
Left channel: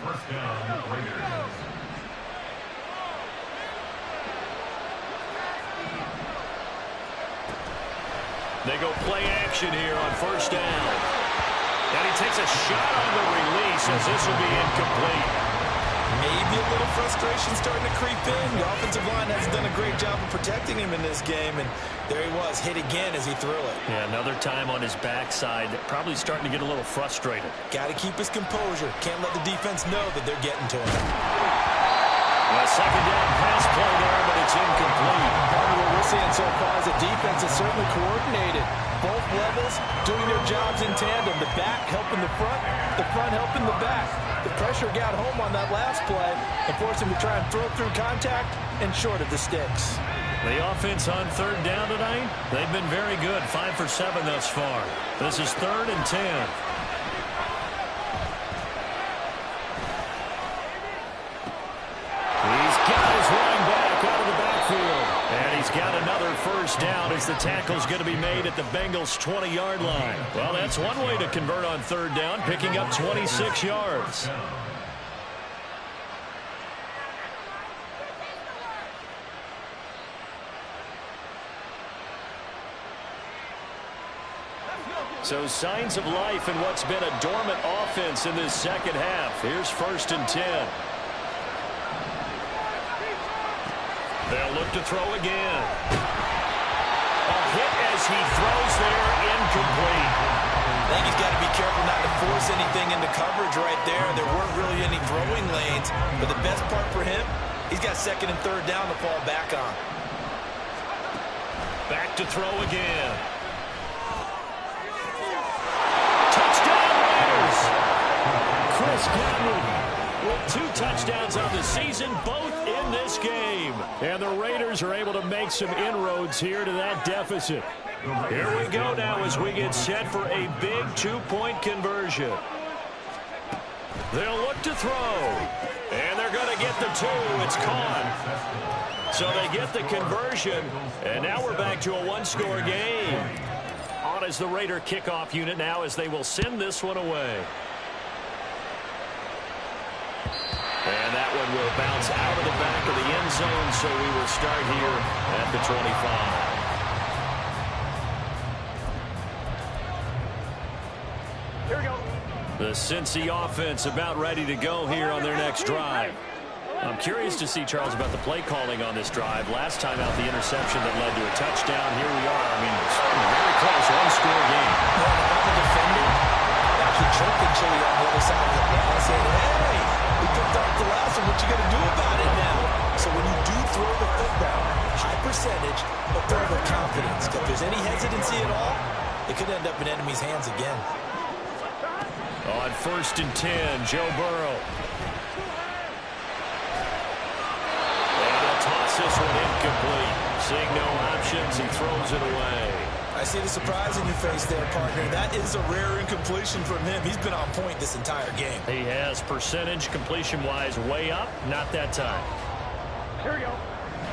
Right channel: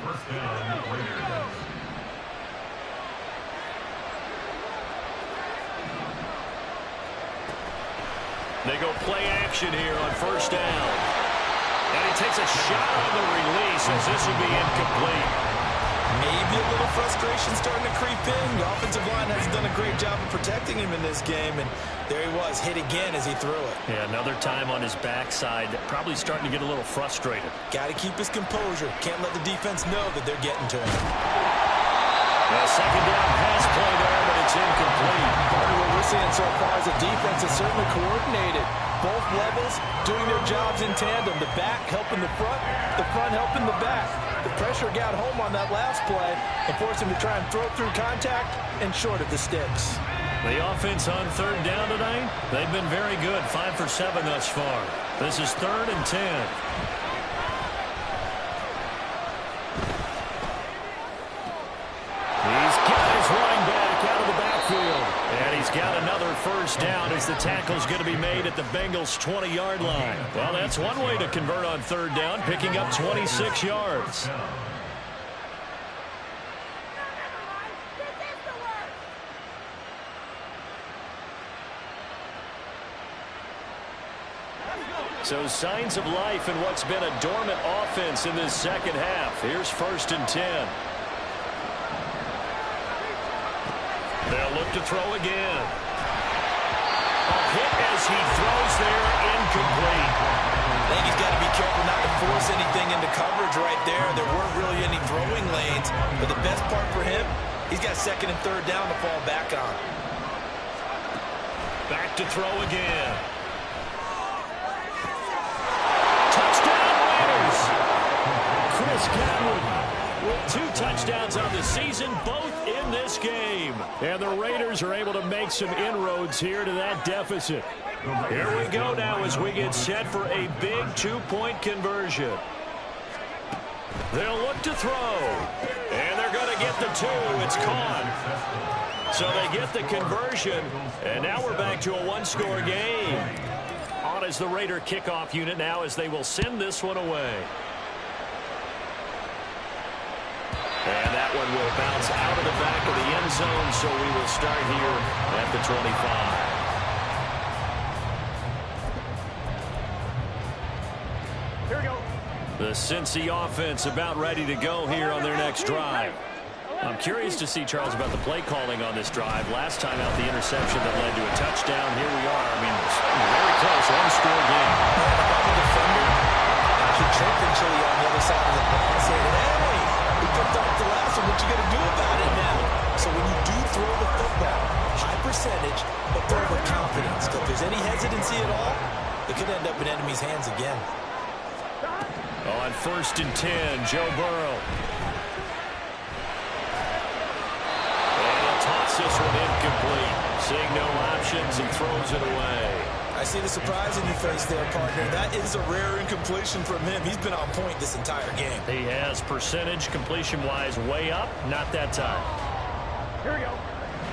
They go play action here on 1st down. And he takes a shot on the release as this will be incomplete. Maybe a little frustration starting to creep in. The offensive line hasn't done a great job of protecting him in this game, and there he was, hit again as he threw it. Yeah, another time on his backside, probably starting to get a little frustrated. Got to keep his composure. Can't let the defense know that they're getting to him. A 2nd down pass play there, but it's incomplete. Part of what we're seeing so far is the defense is certainly coordinated. Both levels doing their jobs in tandem. The back helping the front helping the back. The pressure got home on that last play and forced him to try and throw through contact and short of the sticks. The offense on 3rd down tonight, they've been very good. 5 for 7 thus far. This is 3rd and 10. He's got his running back out of the backfield. And he's got another first down as the tackle's going to be made at the Bengals' 20-yard line. Well, that's one way to convert on third down, picking up 26 yards. So signs of life in what's been a dormant offense in this second half. Here's 1st and 10. They'll look to throw again. A hit as he throws there, incomplete. I think he's got to be careful not to force anything into coverage right there. There weren't really any throwing lanes, but the best part for him, he's got 2nd and 3rd down to fall back on. Back to throw again. Touchdown Raiders! Chris Godwin with 2 touchdowns on the season, both in this game. And the Raiders are able to make some inroads here to that deficit. Here we go now as we get set for a big 2-point conversion. They'll look to throw. And they're going to get the 2. It's caught. So they get the conversion. And now we're back to a 1-score game. On as the Raider kickoff unit now as they will send this one away. And that one will bounce out of the back of the end zone, so we will start here at the 25. Here we go. The Cincy offense about ready to go here on their next drive. I'm curious to see, Charles, about the play calling on this drive. Last time out, the interception that led to a touchdown. Here we are. I mean, very close, 1-score game. Yeah, if I'm a defender, I'm actually chirping Chili on the other side of the ball saying, hey, we picked off the last one. What you going to do about it now? So when you do throw the football, high percentage, but throw with confidence. If there's any hesitancy at all, it could end up in enemy's hands again. On 1st and 10, Joe Burrow. Toss this one incomplete. Seeing no options, he throws it away. I see the surprise in your face there, partner. That is a rare incompletion from him. He's been on point this entire game. He has percentage completion-wise way up. Not that time. Here we go.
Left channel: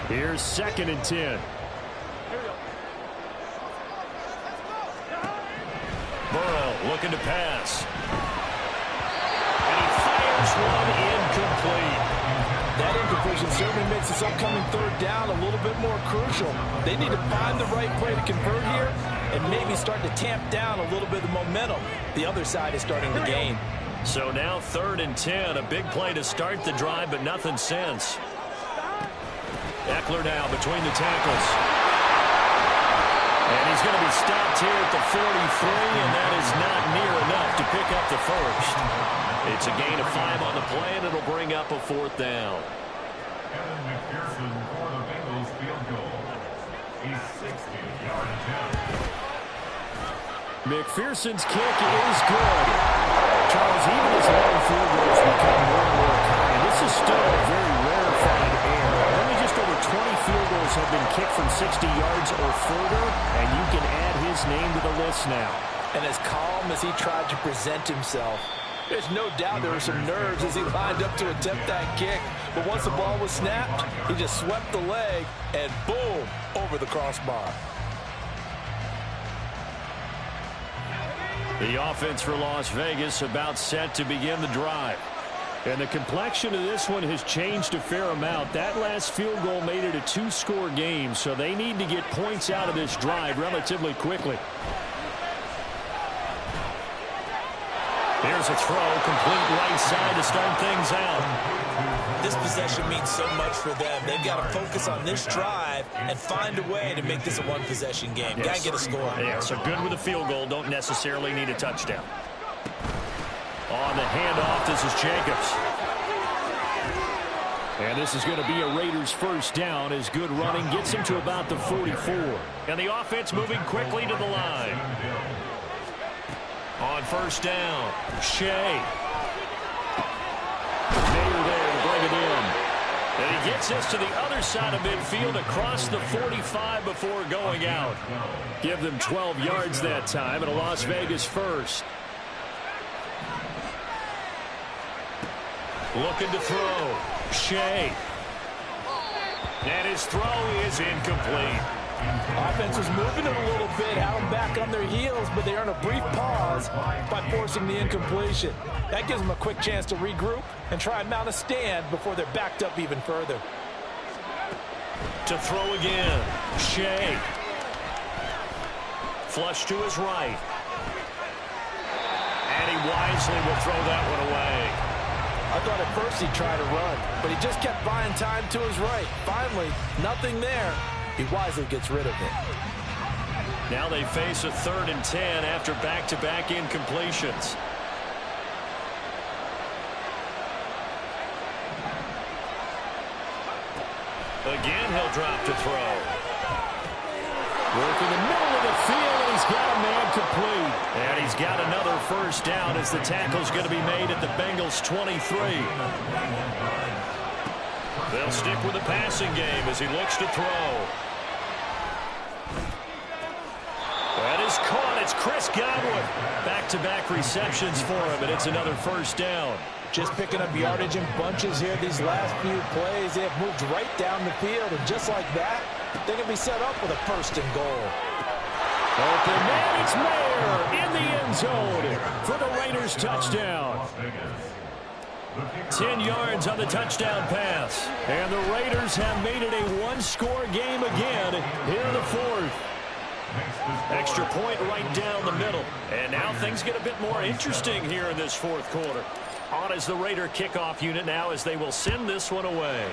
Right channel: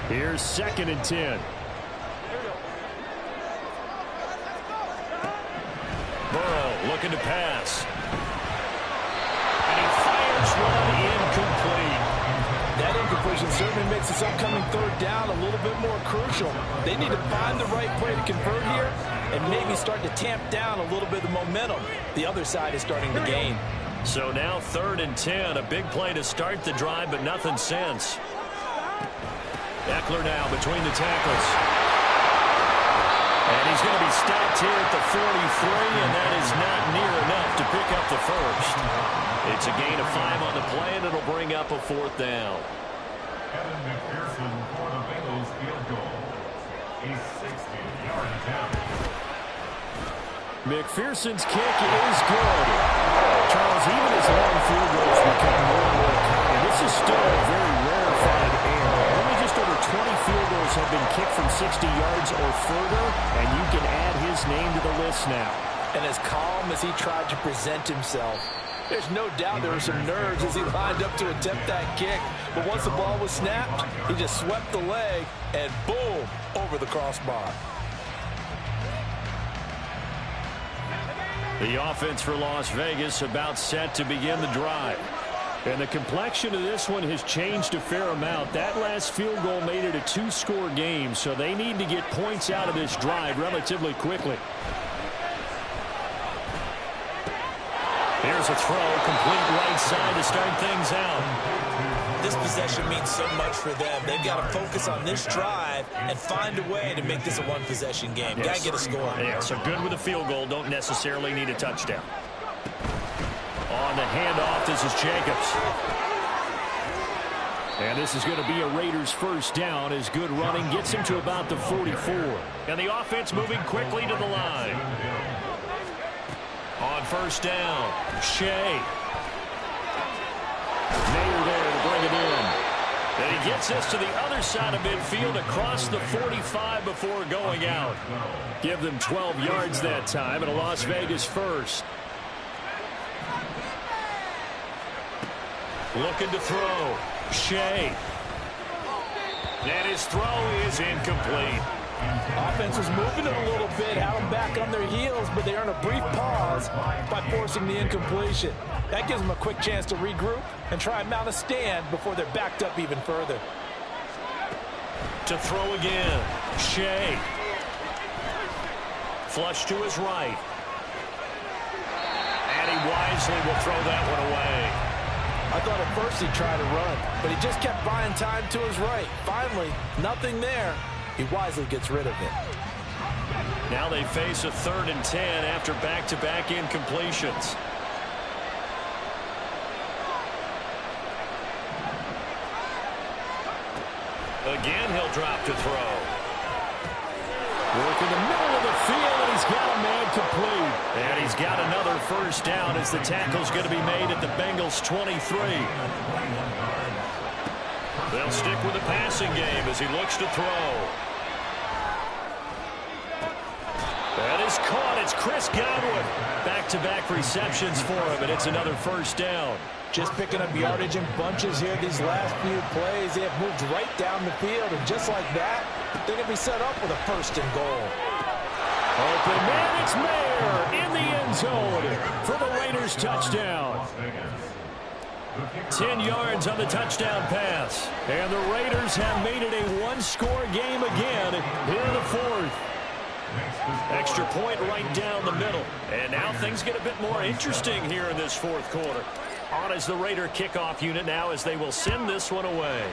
Here's 2nd and 10. Here we go. Burrow looking to pass. And he fires one incomplete. That incompletion certainly makes this upcoming 3rd down a little bit more crucial. They need to find the right play to convert here and maybe start to tamp down a little bit of the momentum. The other side is starting to gain. So now 3rd and 10, a big play to start the drive, but nothing since. Eckler now between the tackles. And he's going to be stopped here at the 43, and that is not near enough to pick up the first. It's a gain of 5 on the play, and it'll bring up a 4th down. Kevin McPherson for the Bengals field goal. A 60-yard attempt. McPherson's kick is good. Charles, even as long field goals become more and more common, this is still a very rarefied air. Only just over 20 field goals have been kicked from 60 yards or further, and you can add his name to the list now. And as calm as he tried to present himself, there's no doubt there were some nerves as he lined up to attempt that kick. But once the ball was snapped, he just swept the leg and boom, over the crossbar. The offense for Las Vegas about set to begin the drive. And the complexion of this one has changed a fair amount. That last field goal made it a 2-score game, so they need to get points out of this drive relatively quickly. Here's a throw, complete right side to start things out. This possession means so much for them. They've got to focus on this drive and find a way to make this a one-possession game. Yes. Got to get a score. Yeah, so good with a field goal. Don't necessarily need a touchdown. On the handoff, this is Jacobs. And this is going to be a Raiders first down as good running gets him to about the 44. And the offense moving quickly to the line. On first down, Shea. Mayer there to bring it in. And he gets us to the other side of midfield across the 45 before going out. Give them 12 yards that time and a Las Vegas first. Looking to throw. Shea. And his throw is incomplete. Offense was moving it a little bit, had them back on their heels, but they earn a brief pause by forcing the incompletion. That gives them a quick chance to regroup and try and mount a stand before they're backed up even further. To throw again, Shea. Flush to his right. And he wisely will throw that one away. I thought at first he'd try to run, but he just kept buying time to his right. Finally, nothing there. He wisely gets rid of it. Now they face a 3rd and 10 after back-to-back incompletions. Again, he'll drop to throw. Work in the middle of the field, and he's got a man complete. And he's got another first down as the tackle's going to be made at the Bengals' 23. They'll stick with the passing game as he looks to throw. That is caught. It's Chris Godwin. Back-to-back receptions for him, and it's another first down. Just picking up yardage in bunches here these last few plays. They have moved right down the field, and just like that, they're going to be set up with a 1st and goal. Open man, it's Mayer in the end zone for the Raiders touchdown. 10 yards on the touchdown pass. And the Raiders have made it a one-score game again here in the 4th. Extra point right down the middle. And now things get a bit more interesting here in this 4th quarter. On as the Raider kickoff unit now as they will send this one away.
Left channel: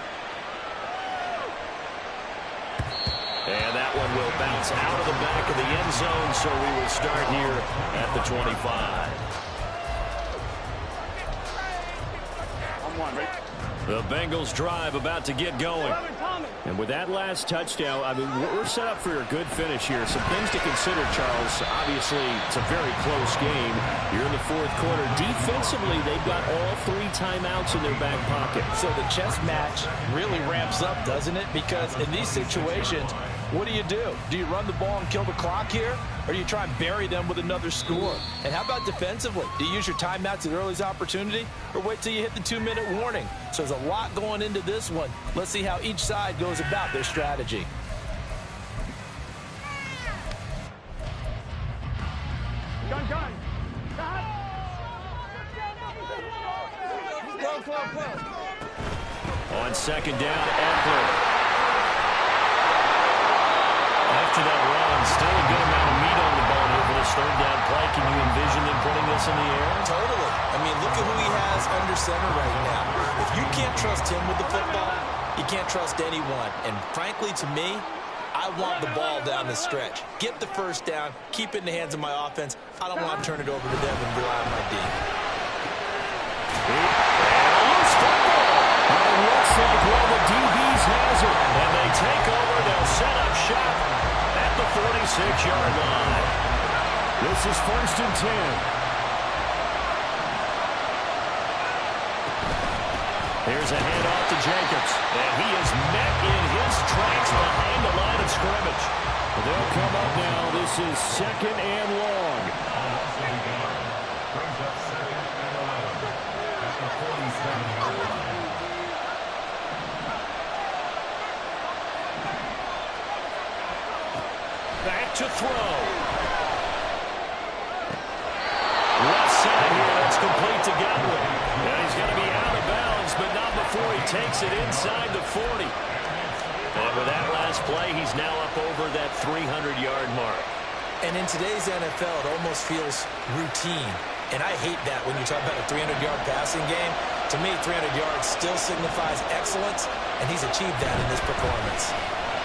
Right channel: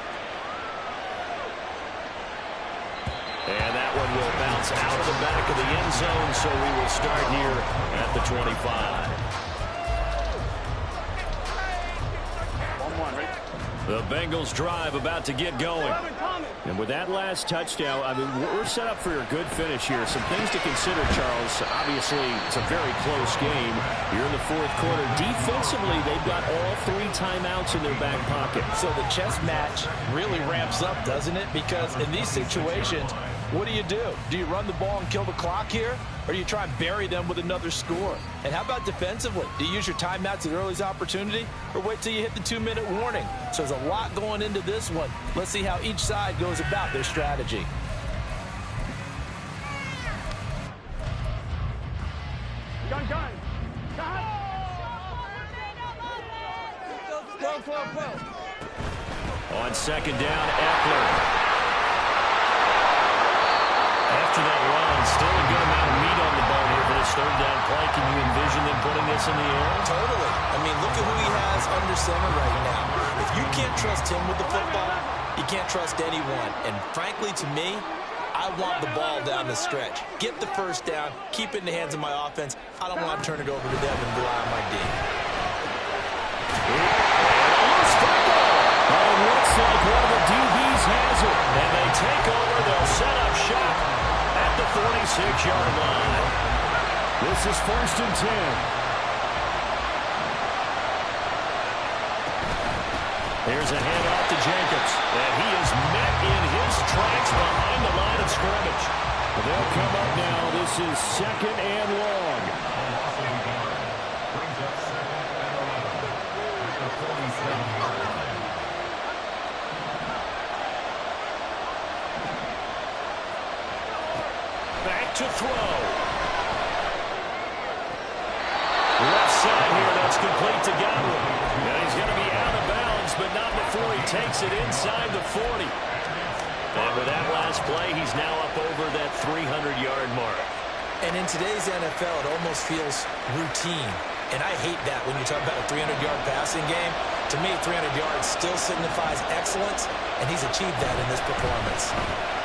And that one will bounce out of the back of the end zone, so we will start here at the 25. 1-1, right? The Bengals drive about to get going. And with that last touchdown, I mean, we're set up for a good finish here. Some things to consider, Charles. Obviously, it's a very close game. You're in the 4th quarter. Defensively, they've got all 3 timeouts in their back pocket. So the chess match really ramps up, doesn't it? Because in these situations, what do? Do you run the ball and kill the clock here? Or do you try and bury them with another score? And how about defensively? Do you use your timeouts at earliest opportunity? Or wait till you hit the 2-minute warning? So there's a lot going into this one. Let's see how each side goes about their strategy. Gun. On 2nd down, Eckler. After that run, still a good amount of meat on the bone here for this 3rd down play. Can you envision them putting this in the air? Totally. I mean, look at who he has under center right now. If you can't trust him with the football, you can't trust anyone. And frankly, to me, I want the ball down the stretch. Get the first down, keep it in the hands of my offense. I don't want to turn it over to them and rely on my D. And a loose football. But it looks like one of the DBs has it. And they take over. They'll set up shop at the 46-yard line. This is 1st and 10. Here's a handoff to Jacobs. And he is met in his tracks behind the line of scrimmage. They'll come up now. This is 2nd and long. Brings up 2nd and 11 at the 47-yard line. Back to throw. Left side here, that's complete to Godwin. And he's going to be out of bounds, but not before he takes it inside the 40. And with that last play, he's now up over that 300-yard mark. And in today's NFL, it almost feels routine. And I hate that when you talk about a 300-yard passing game. To me, 300 yards still signifies excellence, and he's achieved that in this performance.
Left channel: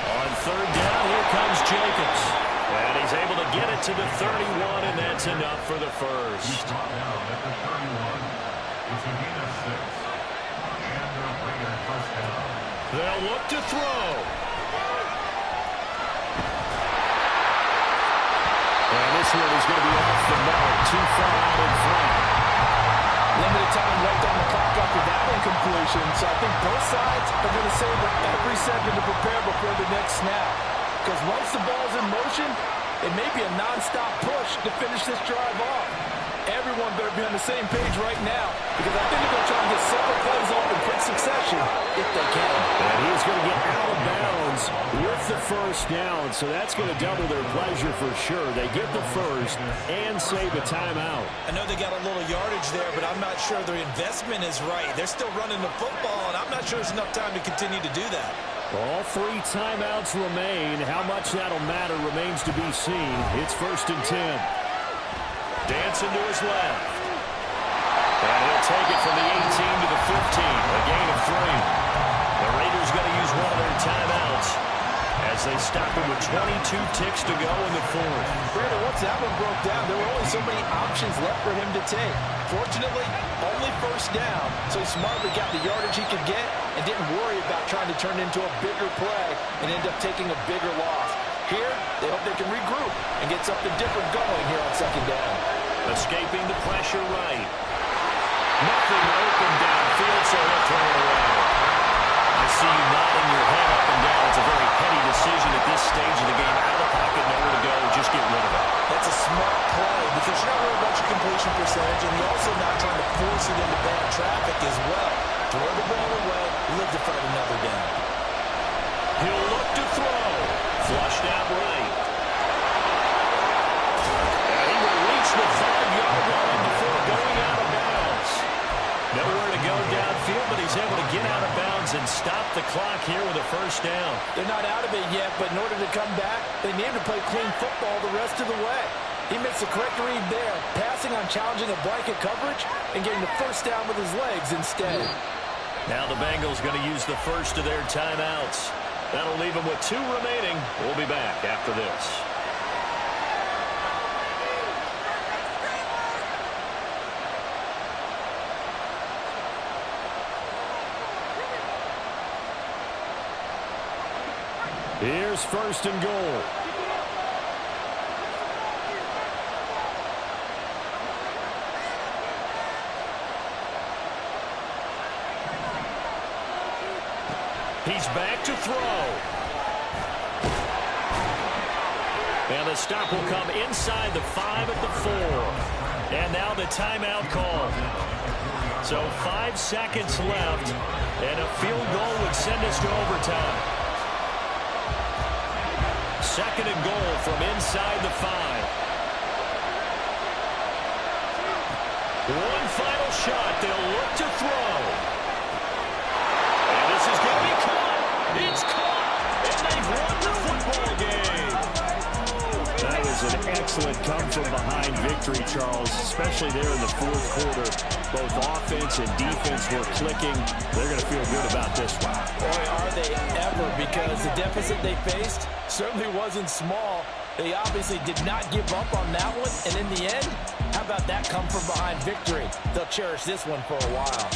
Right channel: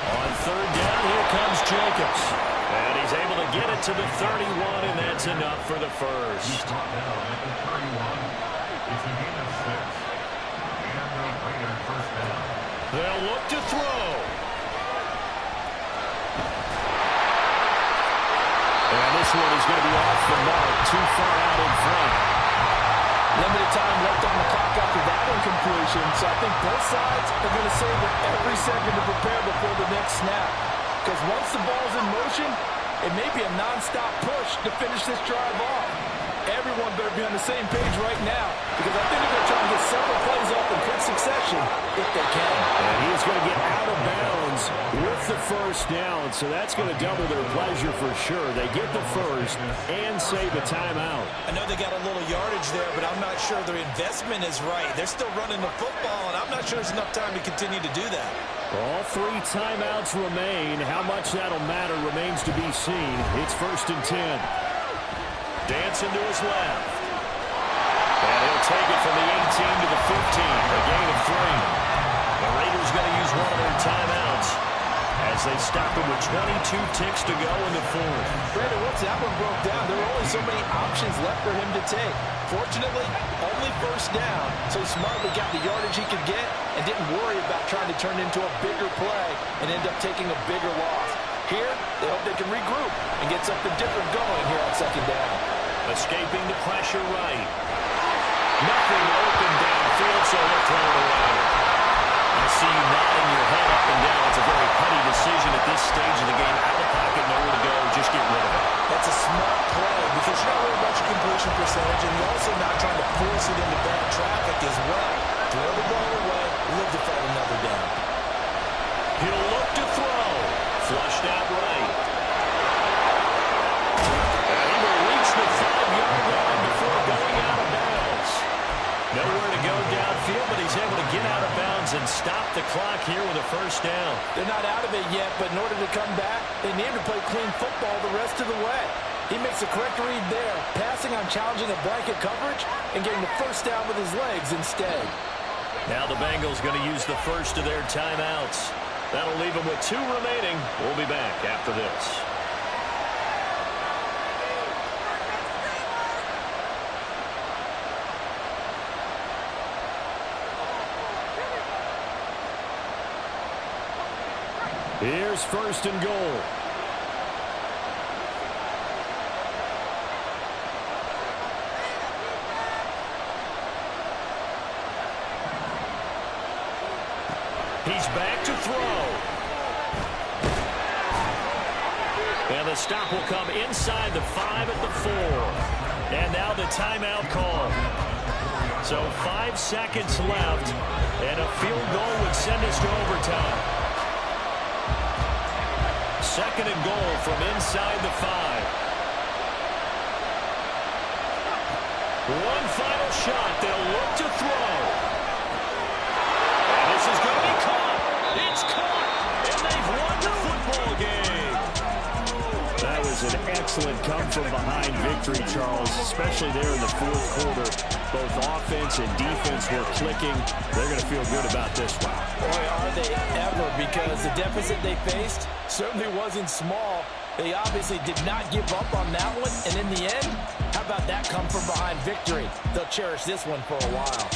On 3rd down, here comes Jacobs. And he's able to get it to the 31, and that's enough for the first. He's brought down at the 31. It's a gain of 6. And the Raider first down. They'll look to throw. And this one is going to be off the mark, too far out in front. Limited time left on the clock after that incompletion, so I think both sides are going to savor every second to prepare before the next snap. Because once the ball's in motion, it may be a nonstop push to finish this drive off. Everyone better be on the same page right now, because I think they're going to try and get separate plays off in quick succession if they can. And he is going to get out of bounds gets the first down, so that's going to double their pleasure for sure. They get the first and save a timeout. I know they got a little yardage there, but I'm not sure their investment is right. They're still running the football, and I'm not sure there's enough time to continue to do that. All 3 timeouts remain. How much that'll matter remains to be seen. It's 1st and 10. Dancing to his left. And he'll take it from the 18 to the 15, a gain of 3. The Raiders going to use one of their timeouts as they stop it with 22 ticks to go in the 4th. Brandon, once that one broke down, there were only so many options left for him to take. Fortunately, only first down, so he smartly got the yardage he could get and didn't worry about trying to turn it into a bigger play and end up taking a bigger loss. Here, they hope they can regroup and get something different going here on 2nd down. Escaping the pressure right. Nothing open downfield, so he'll throw it away. I see you nodding your head up and down. It's a very petty decision at this stage of the game. Out of the pocket, nowhere to go. Just get rid of it. That's a smart play because you're not worried about your completion percentage, and you're also not trying to force it into bad traffic as well. Throw the ball away, live to fight another down. He'll look to throw. Flushed out right. And he will reach the 5-yard line before going out of bounds. Nowhere to go downfield, but he's able to get out of bounds and stop the clock here with a first down. They're not out of it yet, but in order to come back, they need to play clean football the rest of the way. He makes the correct read there, passing on challenging a blanket coverage and getting the first down with his legs instead. Now the Bengals going to use the first of their timeouts. That'll leave them with 2 remaining. We'll be back after this. Here's 1st and goal. He's back to throw. And the stop will come inside the 5 at the 4. And now the timeout call. So 5 seconds left, and a field goal would send us to overtime. 2nd and goal from inside the 5. One final shot. They'll look to throw. And this is going to be caught. It's caught. And they've won the football game. That was an excellent come-from-behind victory, Charles, especially there in the 4th quarter. Both offense and defense were clicking. They're going to feel good about this one. Boy, are they ever, because the deficit they faced certainly wasn't small. They obviously did not give up on that one, and in the end, how about that come-from-behind victory? They'll cherish this one for a while.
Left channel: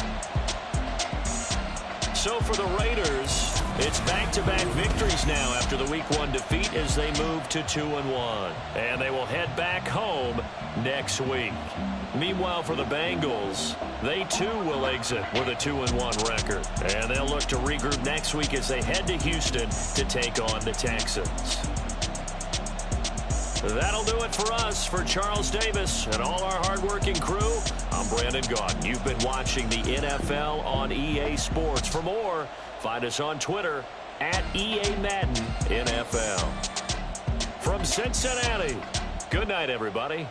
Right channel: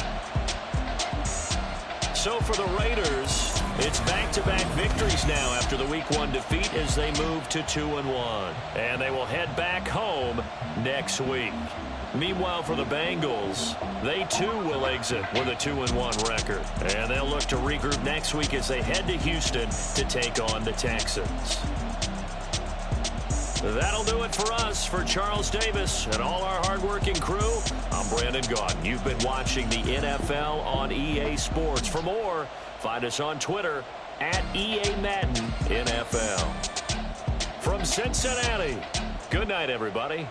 So for the Raiders, it's back-to-back victories now after the Week 1 defeat as they move to 2-1. And they will head back home next week. Meanwhile, for the Bengals, they too will exit with a 2-1 record. And they'll look to regroup next week as they head to Houston to take on the Texans. That'll do it for us. For Charles Davis and all our hardworking crew, I'm Brandon Gaudin. You've been watching the NFL on EA Sports. For more, find us on Twitter at EA Madden NFL. From Cincinnati, good night, everybody.